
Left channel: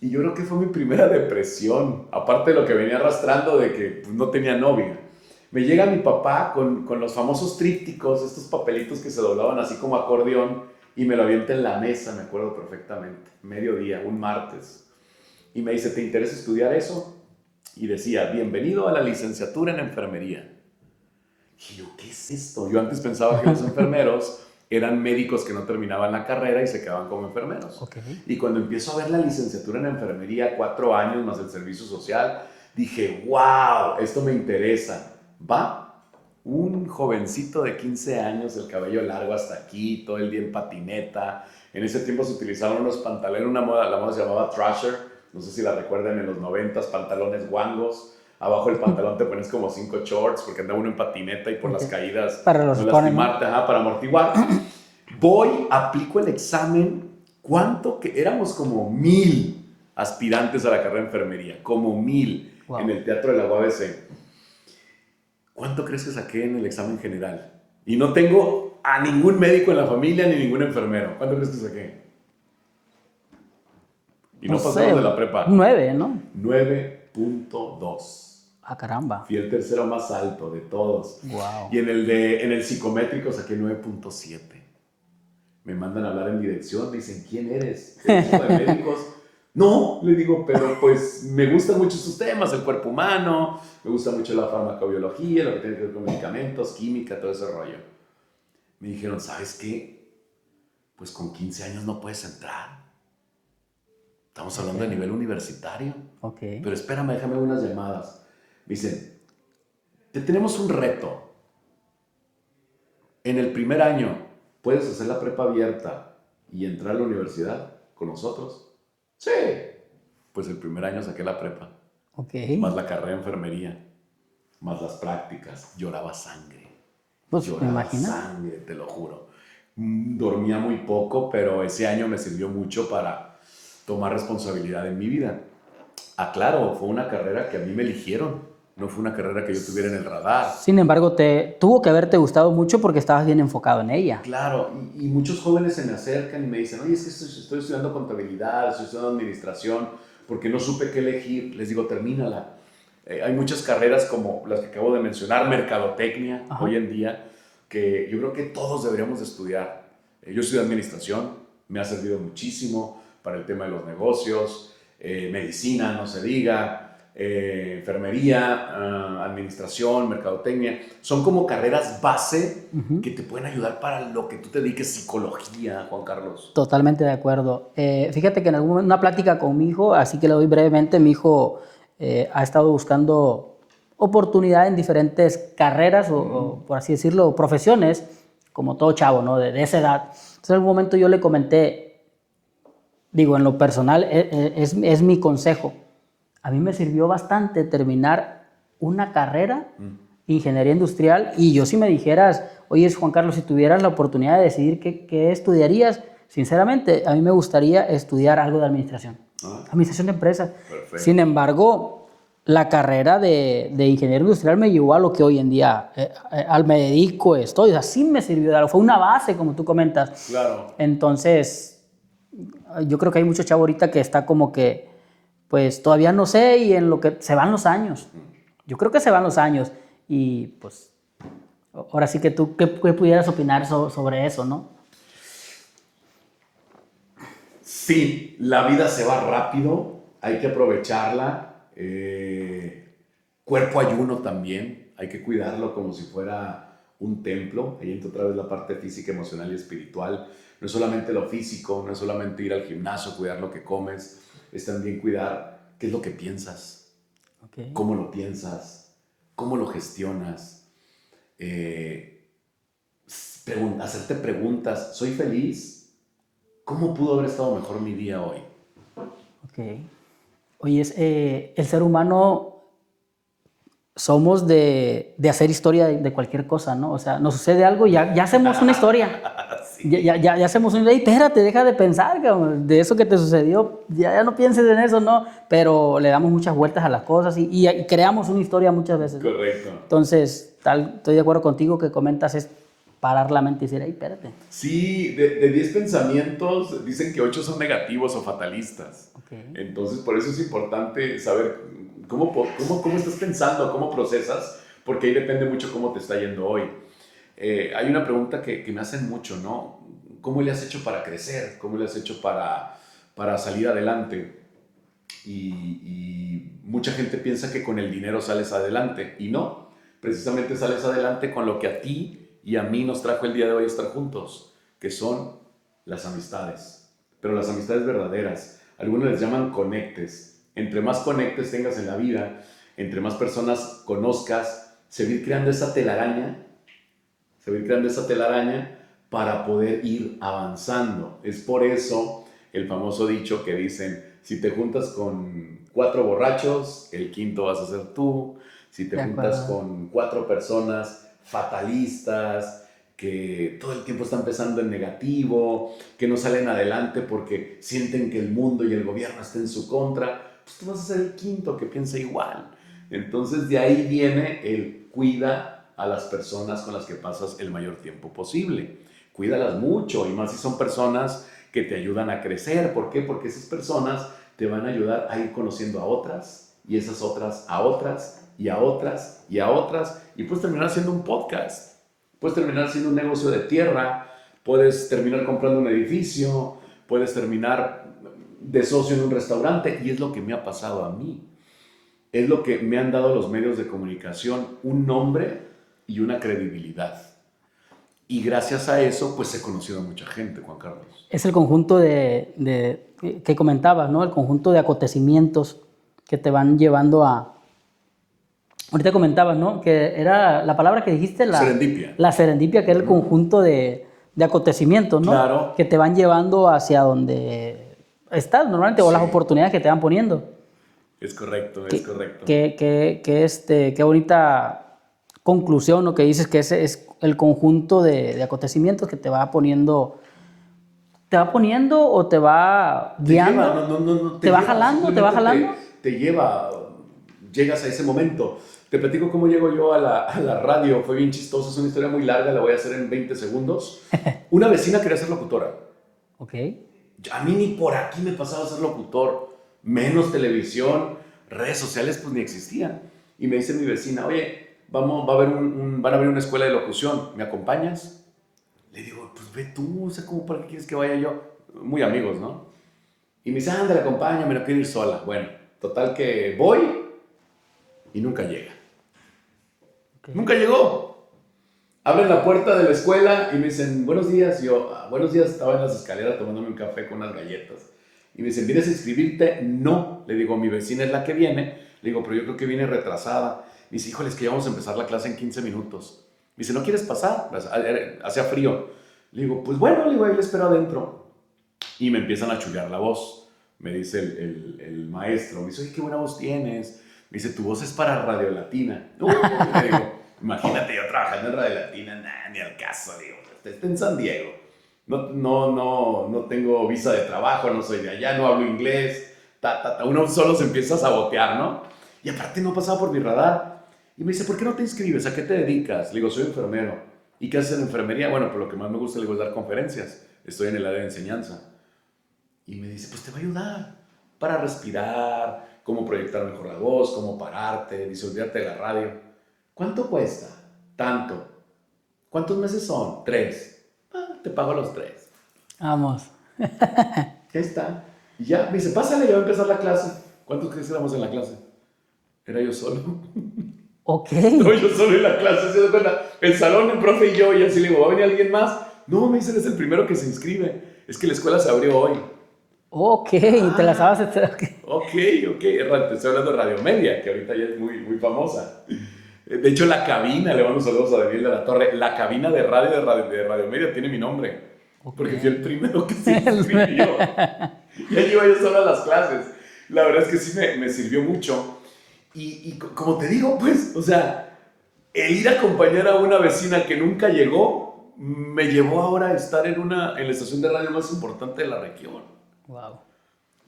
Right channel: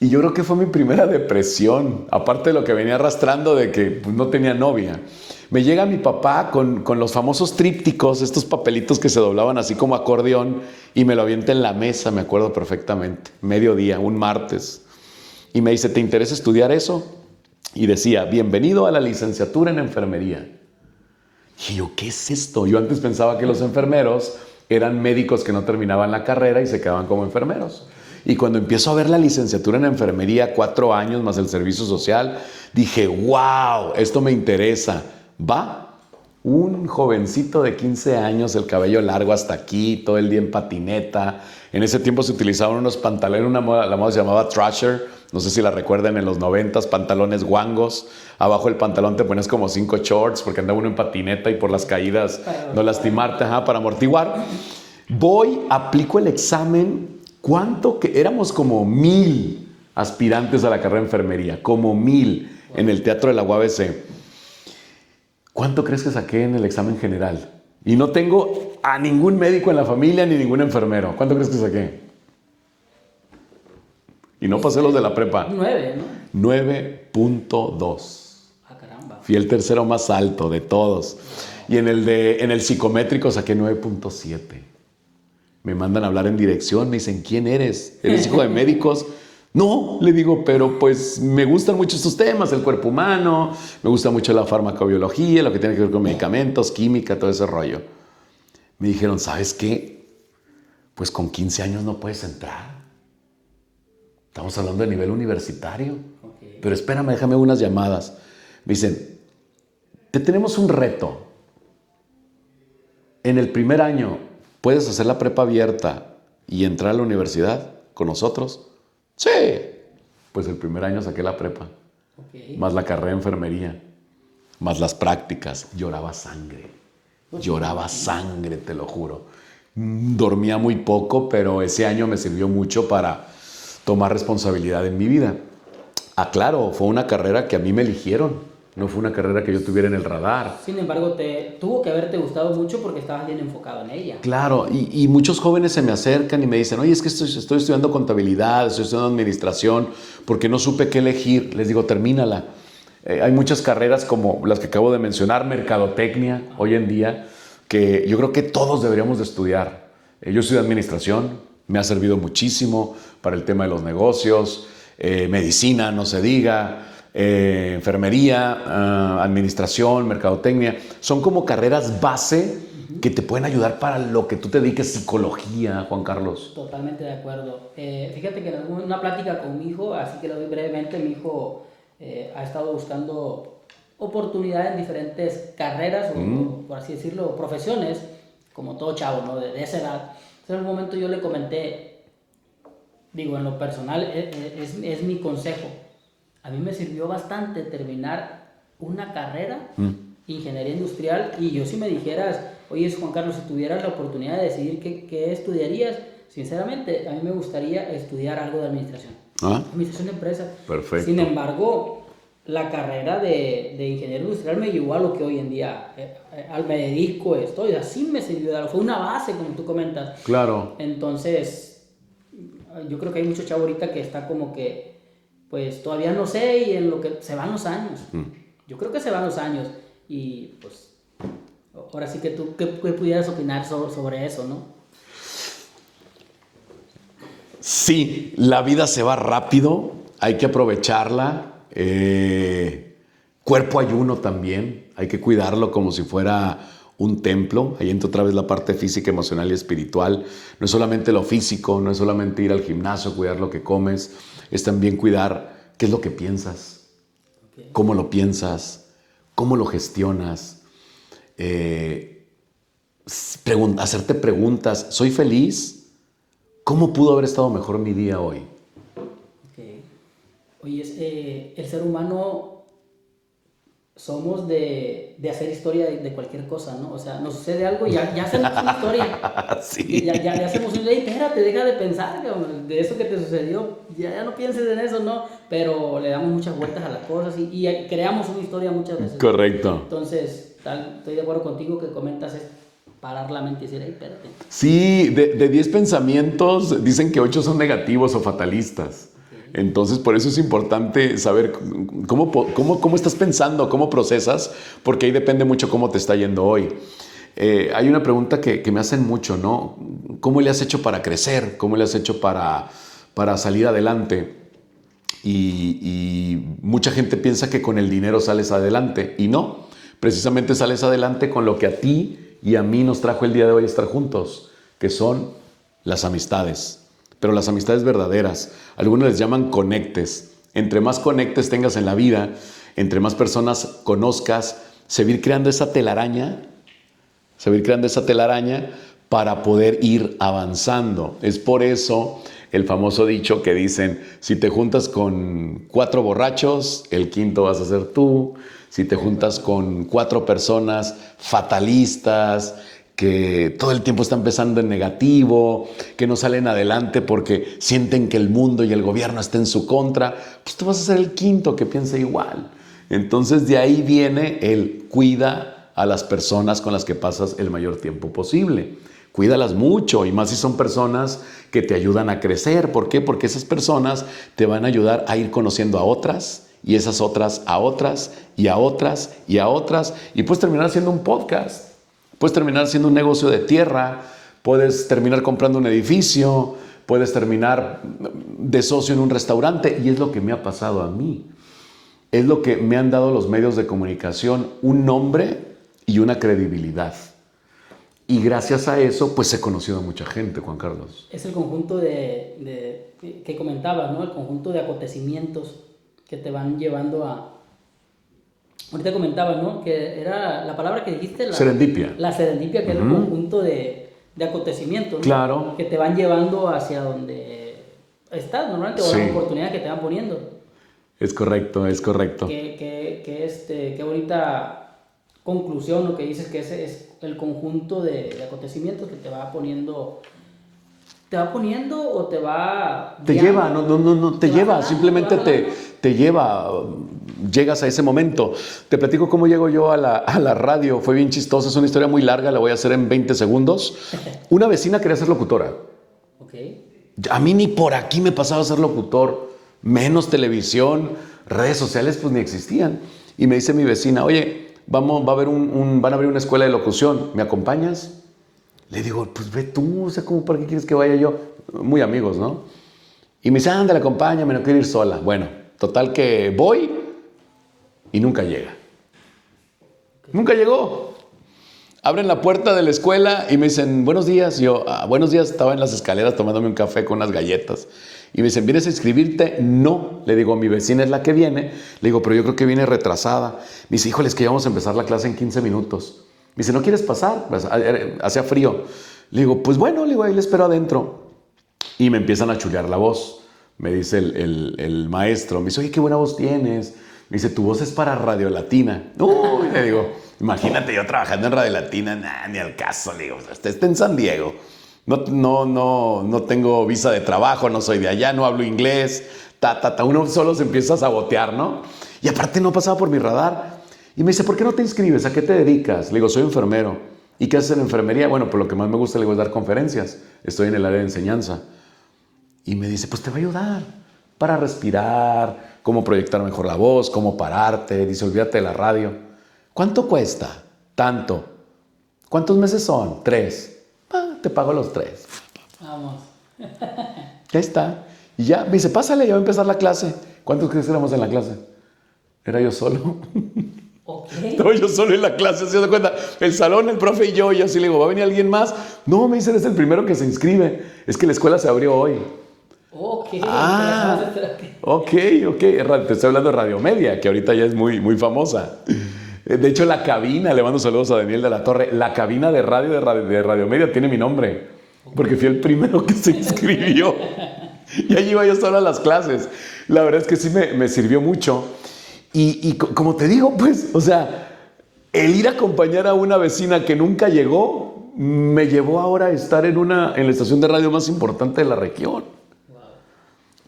Y yo creo que fue mi primera depresión, aparte de lo que venía arrastrando de que pues, no tenía novia. Me llega mi papá con los famosos trípticos, estos papelitos que se doblaban así como acordeón, y me lo avienta en la mesa, me acuerdo perfectamente, mediodía, un martes. Y me dice, ¿te interesa estudiar eso? Y decía, bienvenido a la licenciatura en enfermería. Y yo, ¿qué es esto? Yo antes pensaba que los enfermeros eran médicos que no terminaban la carrera y se quedaban como enfermeros. Okay. Y cuando empiezo a ver la licenciatura en enfermería, 4 años más el servicio social, dije, wow, esto me interesa. Va, un jovencito de 15 años, el cabello largo hasta aquí, todo el día en patineta. En ese tiempo se utilizaban unos pantalones, la moda se llamaba Thrasher, no sé si la recuerdan, en los 90s, pantalones guangos. Abajo del pantalón te pones como 5 shorts porque andaba uno en patineta y por las caídas no lastimarte, para amortiguar. Voy, aplico el examen. ¿Cuánto? Que éramos como 1000 aspirantes a la carrera de enfermería, como 1000 wow. En el Teatro de la UABC. ¿Cuánto crees que saqué en el examen general? Y no tengo a ningún médico en la familia ni ningún enfermero. ¿Cuánto crees que saqué? Y no pasamos de la prepa. 9, ¿no? 9.2. Ah, caramba. Fui el tercero más alto de todos. Wow. Y en el psicométrico saqué 9.7. Me mandan a hablar en dirección, me dicen, ¿quién eres? ¿Eres hijo de médicos? No, le digo, pero pues me gustan mucho estos temas, el cuerpo humano, me gusta mucho la farmacobiología, lo que tiene que ver con medicamentos, química, todo ese rollo. Me dijeron, ¿sabes qué? Pues con 15 años no puedes entrar. Estamos hablando de nivel universitario. Okay. Pero espérame, déjame unas llamadas. Me dicen, te tenemos un reto. En el primer año, ¿puedes hacer la prepa abierta y entrar a la universidad con nosotros? Sí. Pues el primer año saqué la prepa. Okay. Más la carrera de enfermería. Más las prácticas. Lloraba sangre. Lloraba sangre, te lo juro. Dormía muy poco, pero ese año me sirvió mucho para tomar responsabilidad en mi vida. Ah, claro, fue una carrera que a mí me eligieron. No fue una carrera que yo tuviera en el radar. Sin embargo, tuvo que haberte gustado mucho porque estabas bien enfocado en ella. Claro, y muchos jóvenes se me acercan y me dicen, oye, es que estoy estudiando contabilidad, estoy estudiando administración, porque no supe qué elegir. Les digo, termínala. Hay muchas carreras como las que acabo de mencionar, mercadotecnia, ajá, hoy en día, que yo creo que todos deberíamos de estudiar. Yo estudié administración, me ha servido muchísimo para el tema de los negocios, medicina, no se diga, enfermería, administración, mercadotecnia. Son como carreras base que te pueden ayudar para lo que tú te dediques, psicología, Juan Carlos. Totalmente de acuerdo. Fíjate que en una plática con mi hijo, así que le doy brevemente, mi hijo ha estado buscando oportunidad en diferentes carreras o, por así decirlo, profesiones, como todo chavo, ¿no? De esa edad. Entonces, en algún momento yo le comenté, digo, en lo personal, es mi consejo. A mí me sirvió bastante terminar una carrera, ingeniería industrial, y yo si me dijeras, oye, Juan Carlos, si tuvieras la oportunidad de decidir qué estudiarías, sinceramente, a mí me gustaría estudiar algo de administración. Administración de empresas. Perfecto. Sin embargo, la carrera de ingeniero industrial me llevó a lo que hoy en día me dedico, estoy. O sea, sí me sirvió de algo. Fue una base, como tú comentas. Claro. Entonces, yo creo que hay mucho chavo ahorita que está como que, pues, todavía no sé, y en lo que se van los años. Yo creo que se van los años. Y, pues, Ahora sí que tú, ¿qué pudieras opinar sobre eso, no? Sí, la vida se va rápido, hay que aprovecharla. Cuerpo ayuno también, hay que cuidarlo como si fuera un templo. Ahí entra otra vez la parte física, emocional y espiritual. No es solamente lo físico, no es solamente ir al gimnasio, cuidar lo que comes, es también cuidar qué es lo que piensas, Okay. cómo lo piensas, cómo lo gestionas. Hacerte preguntas, ¿soy feliz? ¿Cómo pudo haber estado mejor mi día hoy? Ok. Oye, el ser humano somos de hacer historia de cualquier cosa, ¿no? O sea, nos sucede algo y ya hacemos una historia. Sí. Ya hacemos una historia. Espérate, deja de pensar, cabrón, de eso que te sucedió. Ya no pienses en eso, ¿no? Pero le damos muchas vueltas a las cosas y creamos una historia muchas veces. Correcto. Entonces, estoy de acuerdo contigo que comentas es parar la mente y decir, espérate. Sí, de 10 pensamientos dicen que 8 son negativos o fatalistas. Okay. Entonces, por eso es importante saber cómo estás pensando, cómo procesas, porque ahí depende mucho cómo te está yendo hoy. Hay una pregunta que me hacen mucho, ¿no? ¿Cómo le has hecho para crecer? ¿Cómo le has hecho para salir adelante? Y mucha gente piensa que con el dinero sales adelante, y no. Precisamente sales adelante con lo que a ti y a mí nos trajo el día de hoy estar juntos, que son las amistades, pero las amistades verdaderas. Algunos les llaman conectes. Entre más conectes tengas en la vida, entre más personas conozcas, se va a ir creando esa telaraña, para poder ir avanzando. Es por eso el famoso dicho que dicen, si te juntas con 4 borrachos, el quinto vas a ser tú. Si te juntas con 4 personas fatalistas, que todo el tiempo están pensando en negativo, que no salen adelante porque sienten que el mundo y el gobierno están en su contra, pues tú vas a ser el quinto que piensa igual. Entonces de ahí viene el cuida a las personas con las que pasas el mayor tiempo posible. Cuídalas mucho, y más si son personas que te ayudan a crecer. ¿Por qué? Porque esas personas te van a ayudar a ir conociendo a otras, y esas otras a otras, y a otras, y a otras, y puedes terminar haciendo un podcast, puedes terminar haciendo un negocio de tierra, puedes terminar comprando un edificio, puedes terminar de socio en un restaurante, y es lo que me ha pasado a mí. Es lo que me han dado los medios de comunicación, un nombre y una credibilidad. Y gracias a eso, pues he conocido a mucha gente, Juan Carlos. Es el conjunto que comentabas, ¿no? El conjunto de acontecimientos que te van llevando a... Ahorita comentabas, ¿no? Que era la palabra que dijiste, Serendipia. La serendipia, que es el conjunto de acontecimientos, ¿no? Claro. Que te van llevando hacia donde estás normalmente, o las oportunidades que te van poniendo. Es correcto, es correcto. Qué bonita conclusión, lo que dices, que ese es el conjunto de acontecimientos que te va poniendo... ¿Te va poniendo o te va guiando? Te va lleva, jalando, simplemente te lleva, llegas a ese momento. Te platico cómo llego yo a la radio, fue bien chistoso, es una historia muy larga, la voy a hacer en 20 segundos. Una vecina quería ser locutora. Ok. A mí ni por aquí me pasaba a ser locutor, menos televisión, redes sociales pues ni existían. Y me dice mi vecina, oye, van a abrir una escuela de locución, ¿me acompañas? Le digo, pues ve tú, o sea, ¿cómo para qué quieres que vaya yo? Muy amigos, ¿no? Y me dice, ándale, acompáñame, no quiero ir sola. Bueno, total que voy y nunca llega. Okay. Nunca llegó. Abren la puerta de la escuela y me dicen, buenos días. Yo, buenos días, estaba en las escaleras tomándome un café con unas galletas. Y me dicen, ¿vienes a inscribirte? No. Le digo, mi vecina es la que viene. Le digo, pero yo creo que viene retrasada. Me dice, híjole, es que ya vamos a empezar la clase en 15 minutos. Me dice, ¿no quieres pasar? Pues, hacía frío. Le digo, pues bueno, le digo, ahí le espero adentro. Y me empiezan a chulear la voz. Me dice el maestro, me dice, oye, qué buena voz tienes. Me dice, tu voz es para Radio Latina. No, le digo, imagínate yo trabajando en Radio Latina, nah, ni al caso. Le digo, está en San Diego. No tengo visa de trabajo, no soy de allá, no hablo inglés. Uno solo se empieza a sabotear, ¿no? Y aparte no pasaba por mi radar. Y me dice, ¿por qué no te inscribes? ¿A qué te dedicas? Le digo, soy enfermero. ¿Y qué haces en enfermería? Bueno, pues lo que más me gusta, le digo, es dar conferencias. Estoy en el área de enseñanza. Y me dice, pues te va a ayudar para respirar, cómo proyectar mejor la voz, cómo pararte. Dice, olvídate de la radio. ¿Cuánto cuesta? Tanto. ¿Cuántos meses son? 3. Te pago los 3. Vamos. Ya está. Y ya me dice, pásale, ya va a empezar la clase. ¿Cuántos crees que éramos en la clase? Era yo solo. Ok. No, yo solo en la clase, ¿se da cuenta? El salón, el profe y yo, y así le digo, ¿va a venir alguien más? No, me dice, eres el primero que se inscribe. Es que la escuela se abrió hoy. Ok, te la sabes. Ok. Te estoy hablando de Radio Media, que ahorita ya es muy, muy famosa. De hecho, la cabina, le mando saludos a Daniel de la Torre, la cabina de Radio Media tiene mi nombre, porque fui el primero que se inscribió. Y ahí iba yo solo a las clases. La verdad es que sí me sirvió mucho. Y como te digo, pues, o sea, el ir a acompañar a una vecina que nunca llegó, me llevó ahora a estar en la estación de radio más importante de la región. Wow.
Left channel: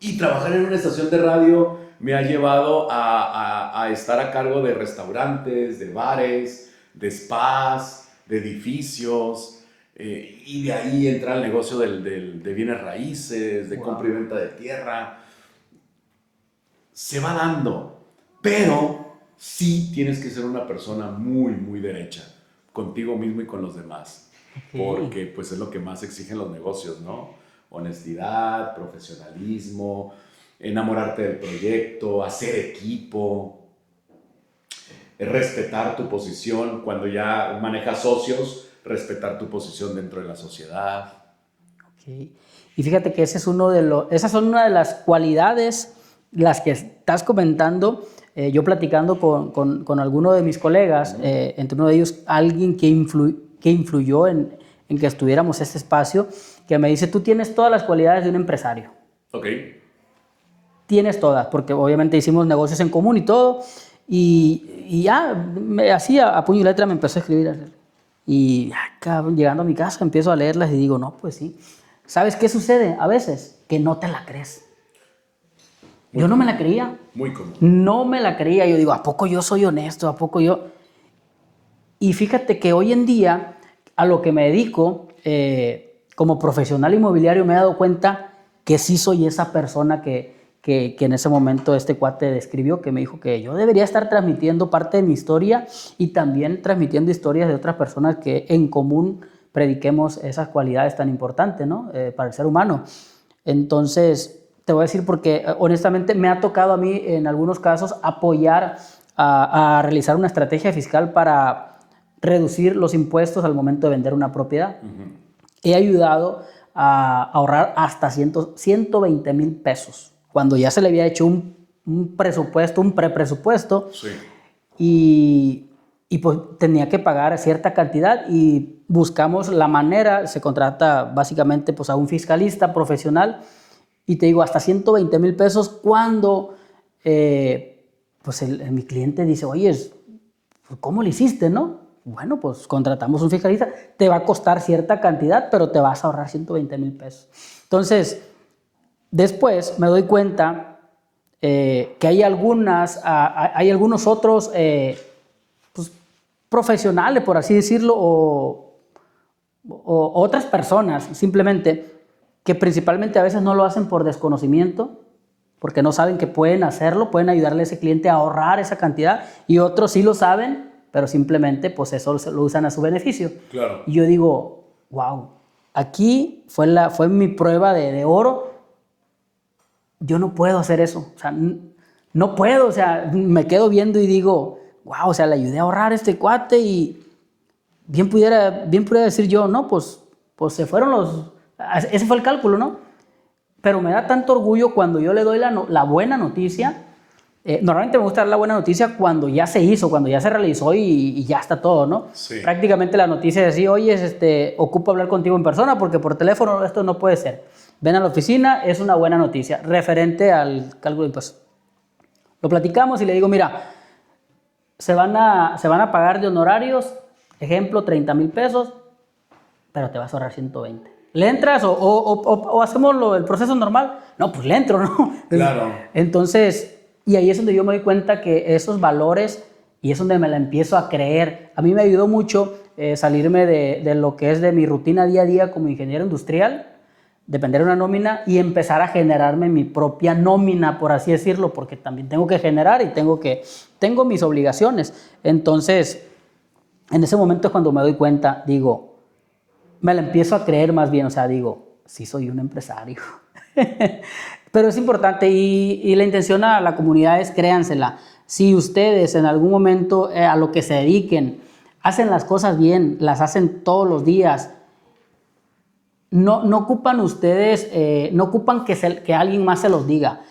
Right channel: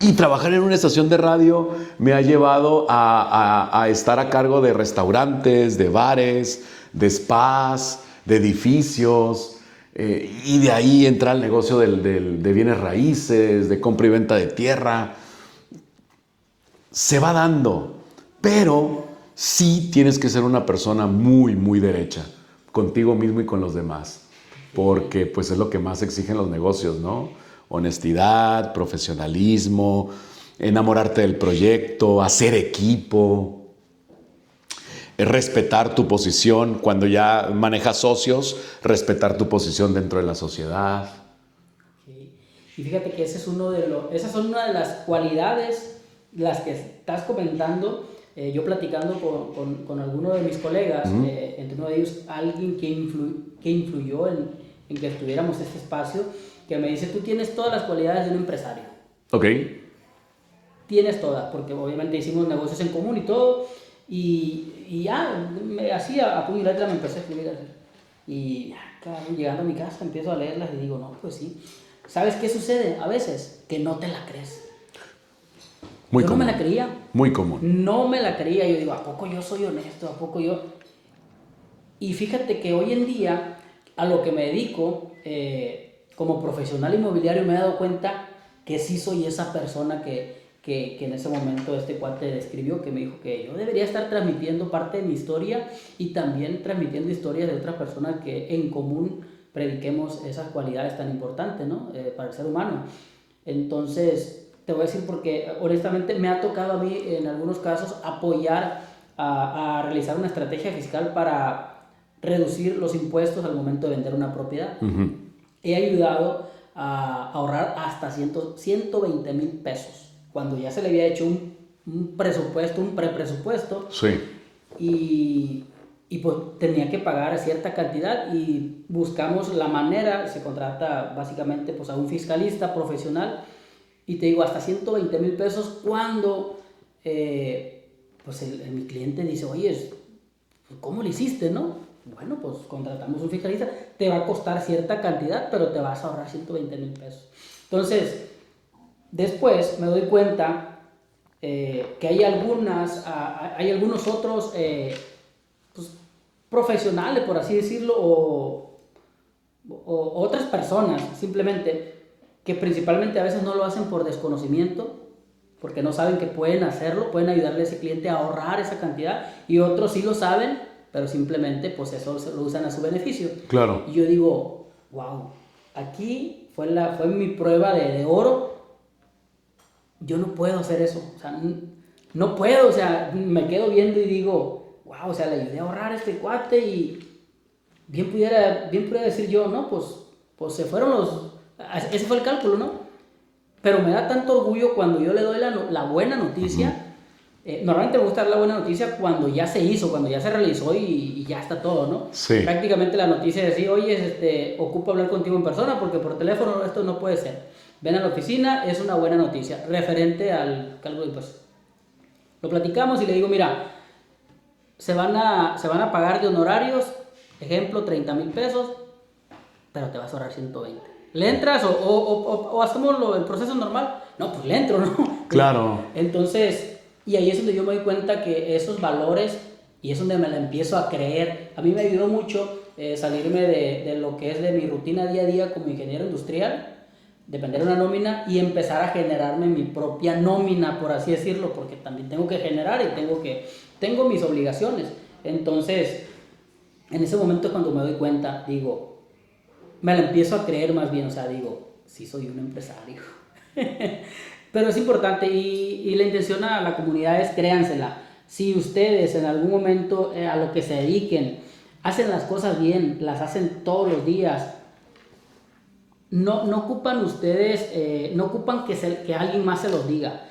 Y trabajar en una estación de radio me ha llevado a estar a cargo de restaurantes, de bares, de spas, de edificios, y de ahí entrar al negocio de bienes raíces, de compra y venta de tierra. Se va dando, pero sí tienes que ser una persona muy, muy derecha, contigo mismo y con los demás, porque pues es lo que más exigen los negocios, ¿no? Honestidad, profesionalismo, enamorarte del proyecto, hacer equipo, respetar tu posición. Cuando ya manejas socios, respetar tu posición dentro de la sociedad. Okay. Y fíjate que esas son una de las cualidades, las que estás comentando. Yo platicando con alguno de mis colegas, entre uno de ellos, alguien que influyó en que estuviéramos en este espacio, que me dice, tú tienes todas las cualidades de un empresario. Ok. Tienes todas, porque obviamente hicimos negocios en común y todo, y ya, así a puño y letra me empezó a escribir. Y llegando a mi casa empiezo a leerlas y digo, no, pues sí. ¿Sabes qué sucede a veces? Que no te la crees. Muy yo común. No me la creía. Muy común. No me la creía. Yo digo, ¿a poco yo soy honesto? ¿A poco yo? Y fíjate que hoy en día, a lo que me dedico, como profesional inmobiliario, me he dado cuenta que sí soy esa persona que en ese momento este cuate describió, que me dijo que yo debería estar transmitiendo parte de mi historia y también transmitiendo historias de otras personas que en común prediquemos esas cualidades tan importantes, ¿no? Para el ser humano. Entonces, te voy a decir porque honestamente me ha tocado a mí en algunos casos apoyar a realizar una estrategia fiscal para reducir los impuestos al momento de vender una propiedad. Uh-huh. He ayudado a ahorrar hasta 120 mil pesos, cuando ya se le había hecho un presupuesto, un prepresupuesto, sí. y pues tenía que pagar cierta cantidad y buscamos la manera, se contrata básicamente pues a un fiscalista profesional y te digo hasta 120 mil pesos cuando pues mi cliente dice, oye, ¿cómo lo hiciste, no? Bueno, pues contratamos un fiscalista, te va a costar cierta cantidad, pero te vas a ahorrar 120 mil pesos. Entonces, después me doy cuenta que hay algunos otros pues, profesionales, por así decirlo, o otras personas simplemente que principalmente a veces no lo hacen por desconocimiento, porque no saben que pueden hacerlo, pueden ayudarle a ese cliente a ahorrar esa cantidad, y otros sí lo saben, pero simplemente pues eso lo usan a su beneficio. Claro. Y yo digo, wow, aquí fue mi prueba de oro. Yo no puedo hacer eso, o sea, no puedo, o sea, me quedo viendo y digo, wow, o sea, le ayudé a ahorrar a este cuate y bien pudiera decir yo, no, pues se fueron ese fue el cálculo, ¿no? Pero me da tanto orgullo cuando yo le doy la buena noticia. Normalmente me gusta dar la buena noticia cuando ya se hizo, cuando ya se realizó y ya está todo, ¿no? Sí. Prácticamente la noticia es decir, oye, ocupo hablar contigo en persona porque por teléfono esto no puede ser. Ven a la oficina, es una buena noticia referente al cálculo de impuestos. Lo platicamos y le digo, mira, se van a pagar de honorarios, ejemplo, 30 mil pesos, pero te vas a ahorrar 120. ¿Le entras o hacemos el proceso normal? No, pues le entro, ¿no? Claro. Entonces, y ahí es donde yo me doy cuenta que esos valores, y es donde me la empiezo a creer. A mí me ayudó mucho salirme de lo que es de mi rutina día a día como ingeniero industrial, depender de una nómina y empezar a generarme mi propia nómina, por así decirlo, porque también tengo que generar y tengo mis obligaciones. Entonces, en ese momento es cuando me doy cuenta, digo, me la empiezo a creer más bien, o sea, digo, sí soy un empresario. Pero es importante y la intención a la comunidad es créansela. Si ustedes en algún momento a lo que se dediquen, hacen las cosas bien, las hacen todos los días, no ocupan ustedes, no ocupan que alguien más se los diga.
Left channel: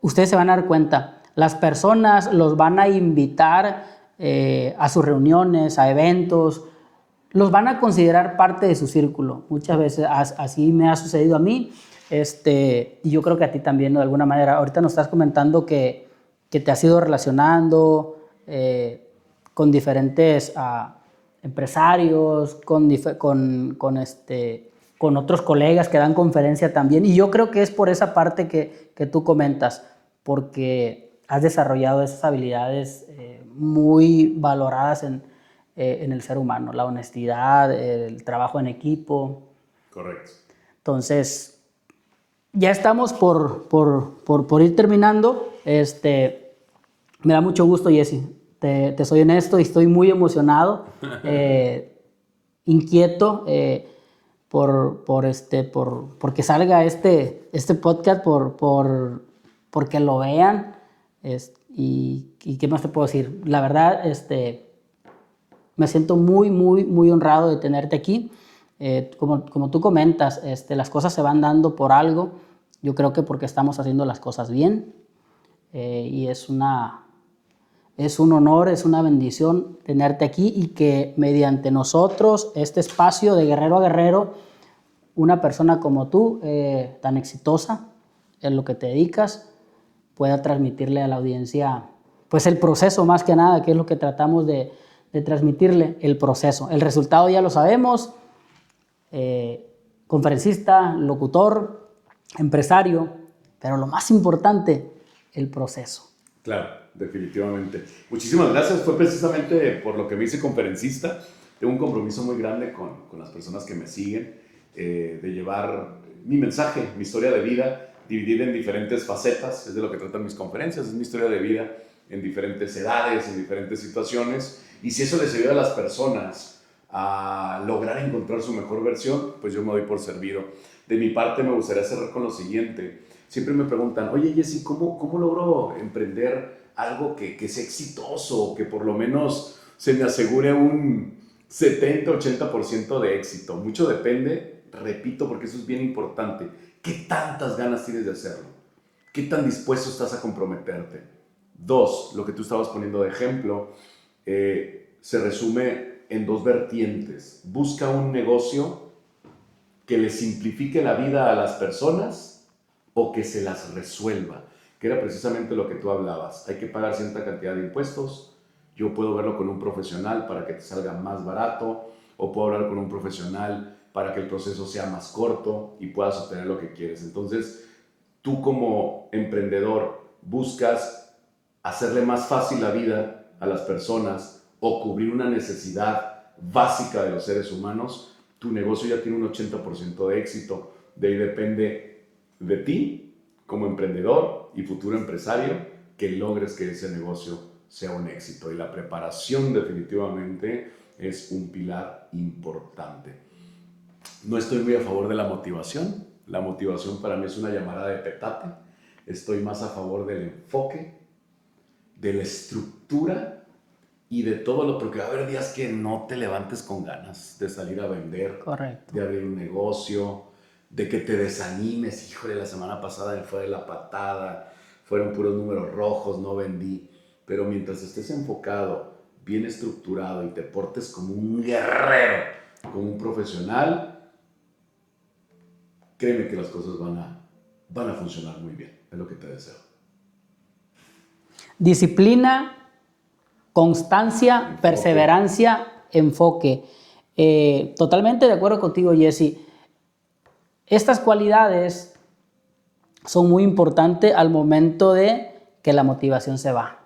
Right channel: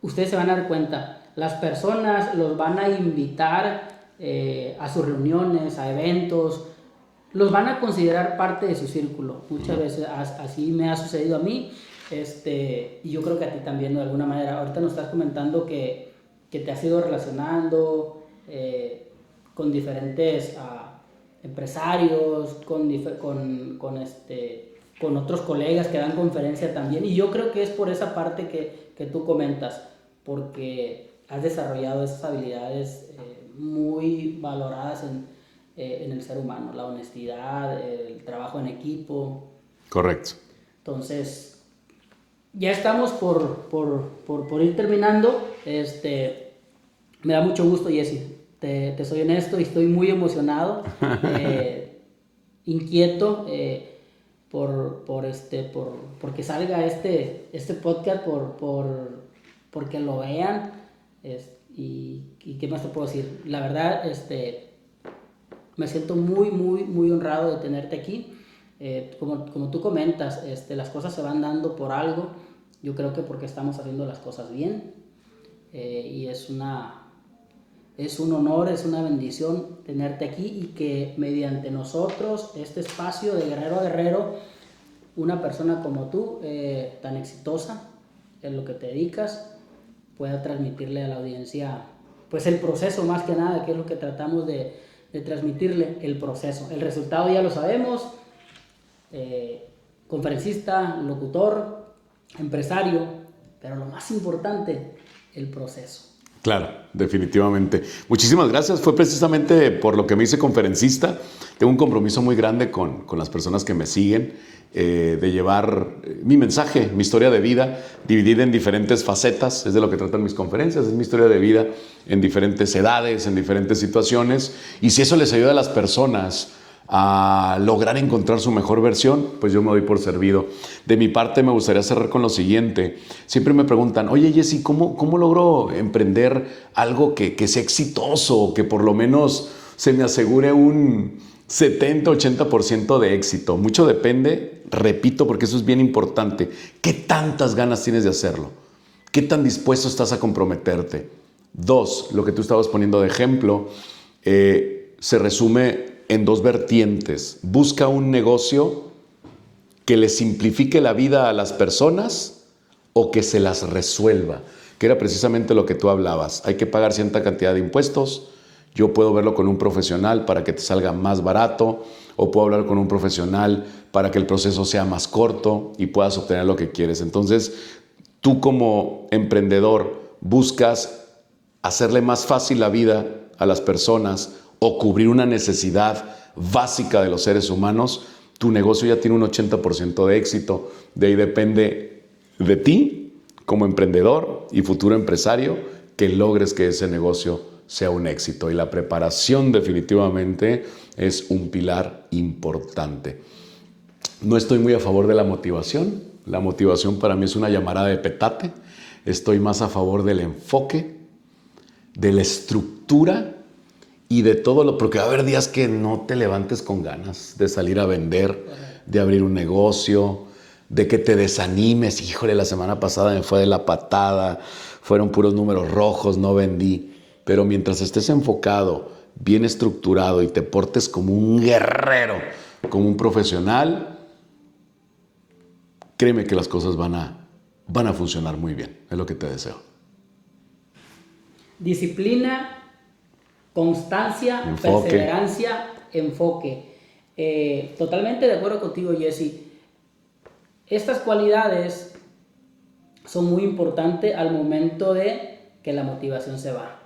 Ustedes se van a dar cuenta, las personas los van a invitar a sus reuniones, a eventos, los van a considerar parte de su círculo. Muchas veces así me ha sucedido a mí, y yo creo que a ti también, ¿no? De alguna manera. Ahorita nos estás comentando que te has ido relacionando con diferentes empresarios, con otros colegas que dan conferencia también, y yo creo que es por esa parte que tú comentas, porque has desarrollado esas habilidades muy valoradas en el ser humano, la honestidad, el trabajo en equipo. Correcto. Entonces, ya estamos por ir terminando. Me da mucho gusto, Jesse. Te soy honesto y estoy muy emocionado, inquieto porque salga este podcast, porque lo vean. Y qué más te puedo decir. La verdad, me siento muy, muy, muy honrado de tenerte aquí. Como tú comentas, las cosas se van dando por algo. Yo creo que porque estamos haciendo las cosas bien. Y es un honor, es una bendición tenerte aquí y que mediante nosotros, este espacio de guerrero a guerrero, una persona como tú, tan exitosa en lo que te dedicas, pueda transmitirle a la audiencia pues el proceso más que nada, que es lo que tratamos de transmitirle, el proceso. El resultado ya lo sabemos, conferencista, locutor, empresario, pero lo más importante, el proceso. Claro, definitivamente. Muchísimas gracias. Fue precisamente por lo que me hice conferencista. Tengo un compromiso muy grande con las personas que me siguen, de llevar mi mensaje, mi historia de vida, dividida en diferentes facetas. Es de lo que tratan mis conferencias. Es mi historia de vida en diferentes edades, en diferentes situaciones. Y si eso les ayuda a las personas a lograr encontrar su mejor versión, pues yo me doy por servido. De mi parte me gustaría cerrar con lo siguiente. Siempre me preguntan, oye Jesse, ¿cómo logro emprender algo que sea exitoso, que por lo menos se me asegure un 70-80% de éxito? Mucho depende, repito, porque eso es bien importante. ¿Qué tantas ganas tienes de hacerlo? ¿Qué tan dispuesto estás a comprometerte? 2, lo que tú estabas poniendo de ejemplo, se resume en 2 vertientes. Busca un negocio que le simplifique la vida a las personas o que se las resuelva, que era precisamente lo que tú hablabas. Hay que pagar cierta cantidad de impuestos. Yo puedo verlo con un profesional para que te salga más barato, o puedo hablar con un profesional para que el proceso sea más corto y puedas obtener lo que quieres. Entonces, tú como emprendedor buscas hacerle más fácil la vida a las personas o cubrir una necesidad básica de los seres humanos, tu negocio ya tiene un 80% de éxito. De ahí depende de ti como emprendedor y futuro empresario que logres que ese negocio sea un éxito. Y la preparación definitivamente es un pilar importante. No estoy muy a favor de la motivación. La motivación para mí es una llamarada de petate. Estoy más a favor del enfoque, de la estructura y de todo lo, porque va a haber días que no te levantes con ganas de salir a vender, Correcto. de abrir un negocio, de que te desanimes. Híjole, la semana pasada me fue de la patada, fueron puros números rojos, no vendí. Pero mientras estés enfocado, bien estructurado y te portes como un guerrero, como un profesional, créeme que las cosas van a funcionar muy bien. Es lo que te deseo. Disciplina, constancia, Enfoque. perseverancia, enfoque. Totalmente de acuerdo contigo, Jesse. Estas cualidades son muy importantes al momento de que la motivación se va.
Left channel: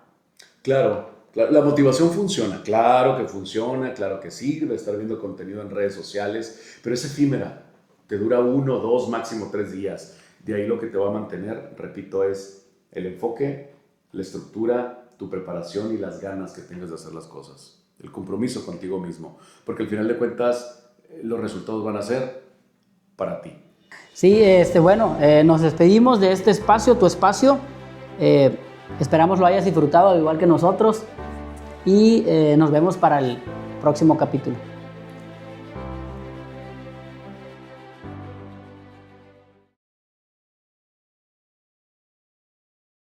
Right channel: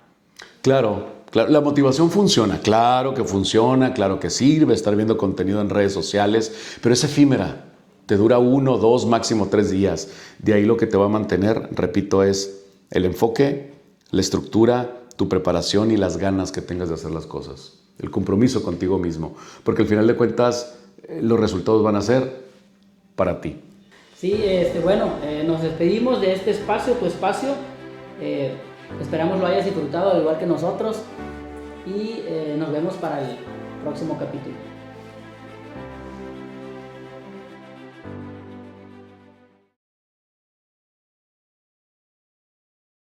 Claro, la motivación funciona, claro que funciona, claro que sirve estar viendo contenido en redes sociales, pero es efímera, te dura 1, 2, máximo 3 días. De ahí lo que te va a mantener, repito, es el enfoque, la estructura, tu preparación y las ganas que tengas de hacer las cosas. el compromiso contigo mismo, porque al final de cuentas los resultados van a ser para ti. Sí, bueno, nos despedimos de este espacio, tu espacio. Esperamos lo hayas disfrutado al igual que nosotros y nos vemos para el próximo capítulo.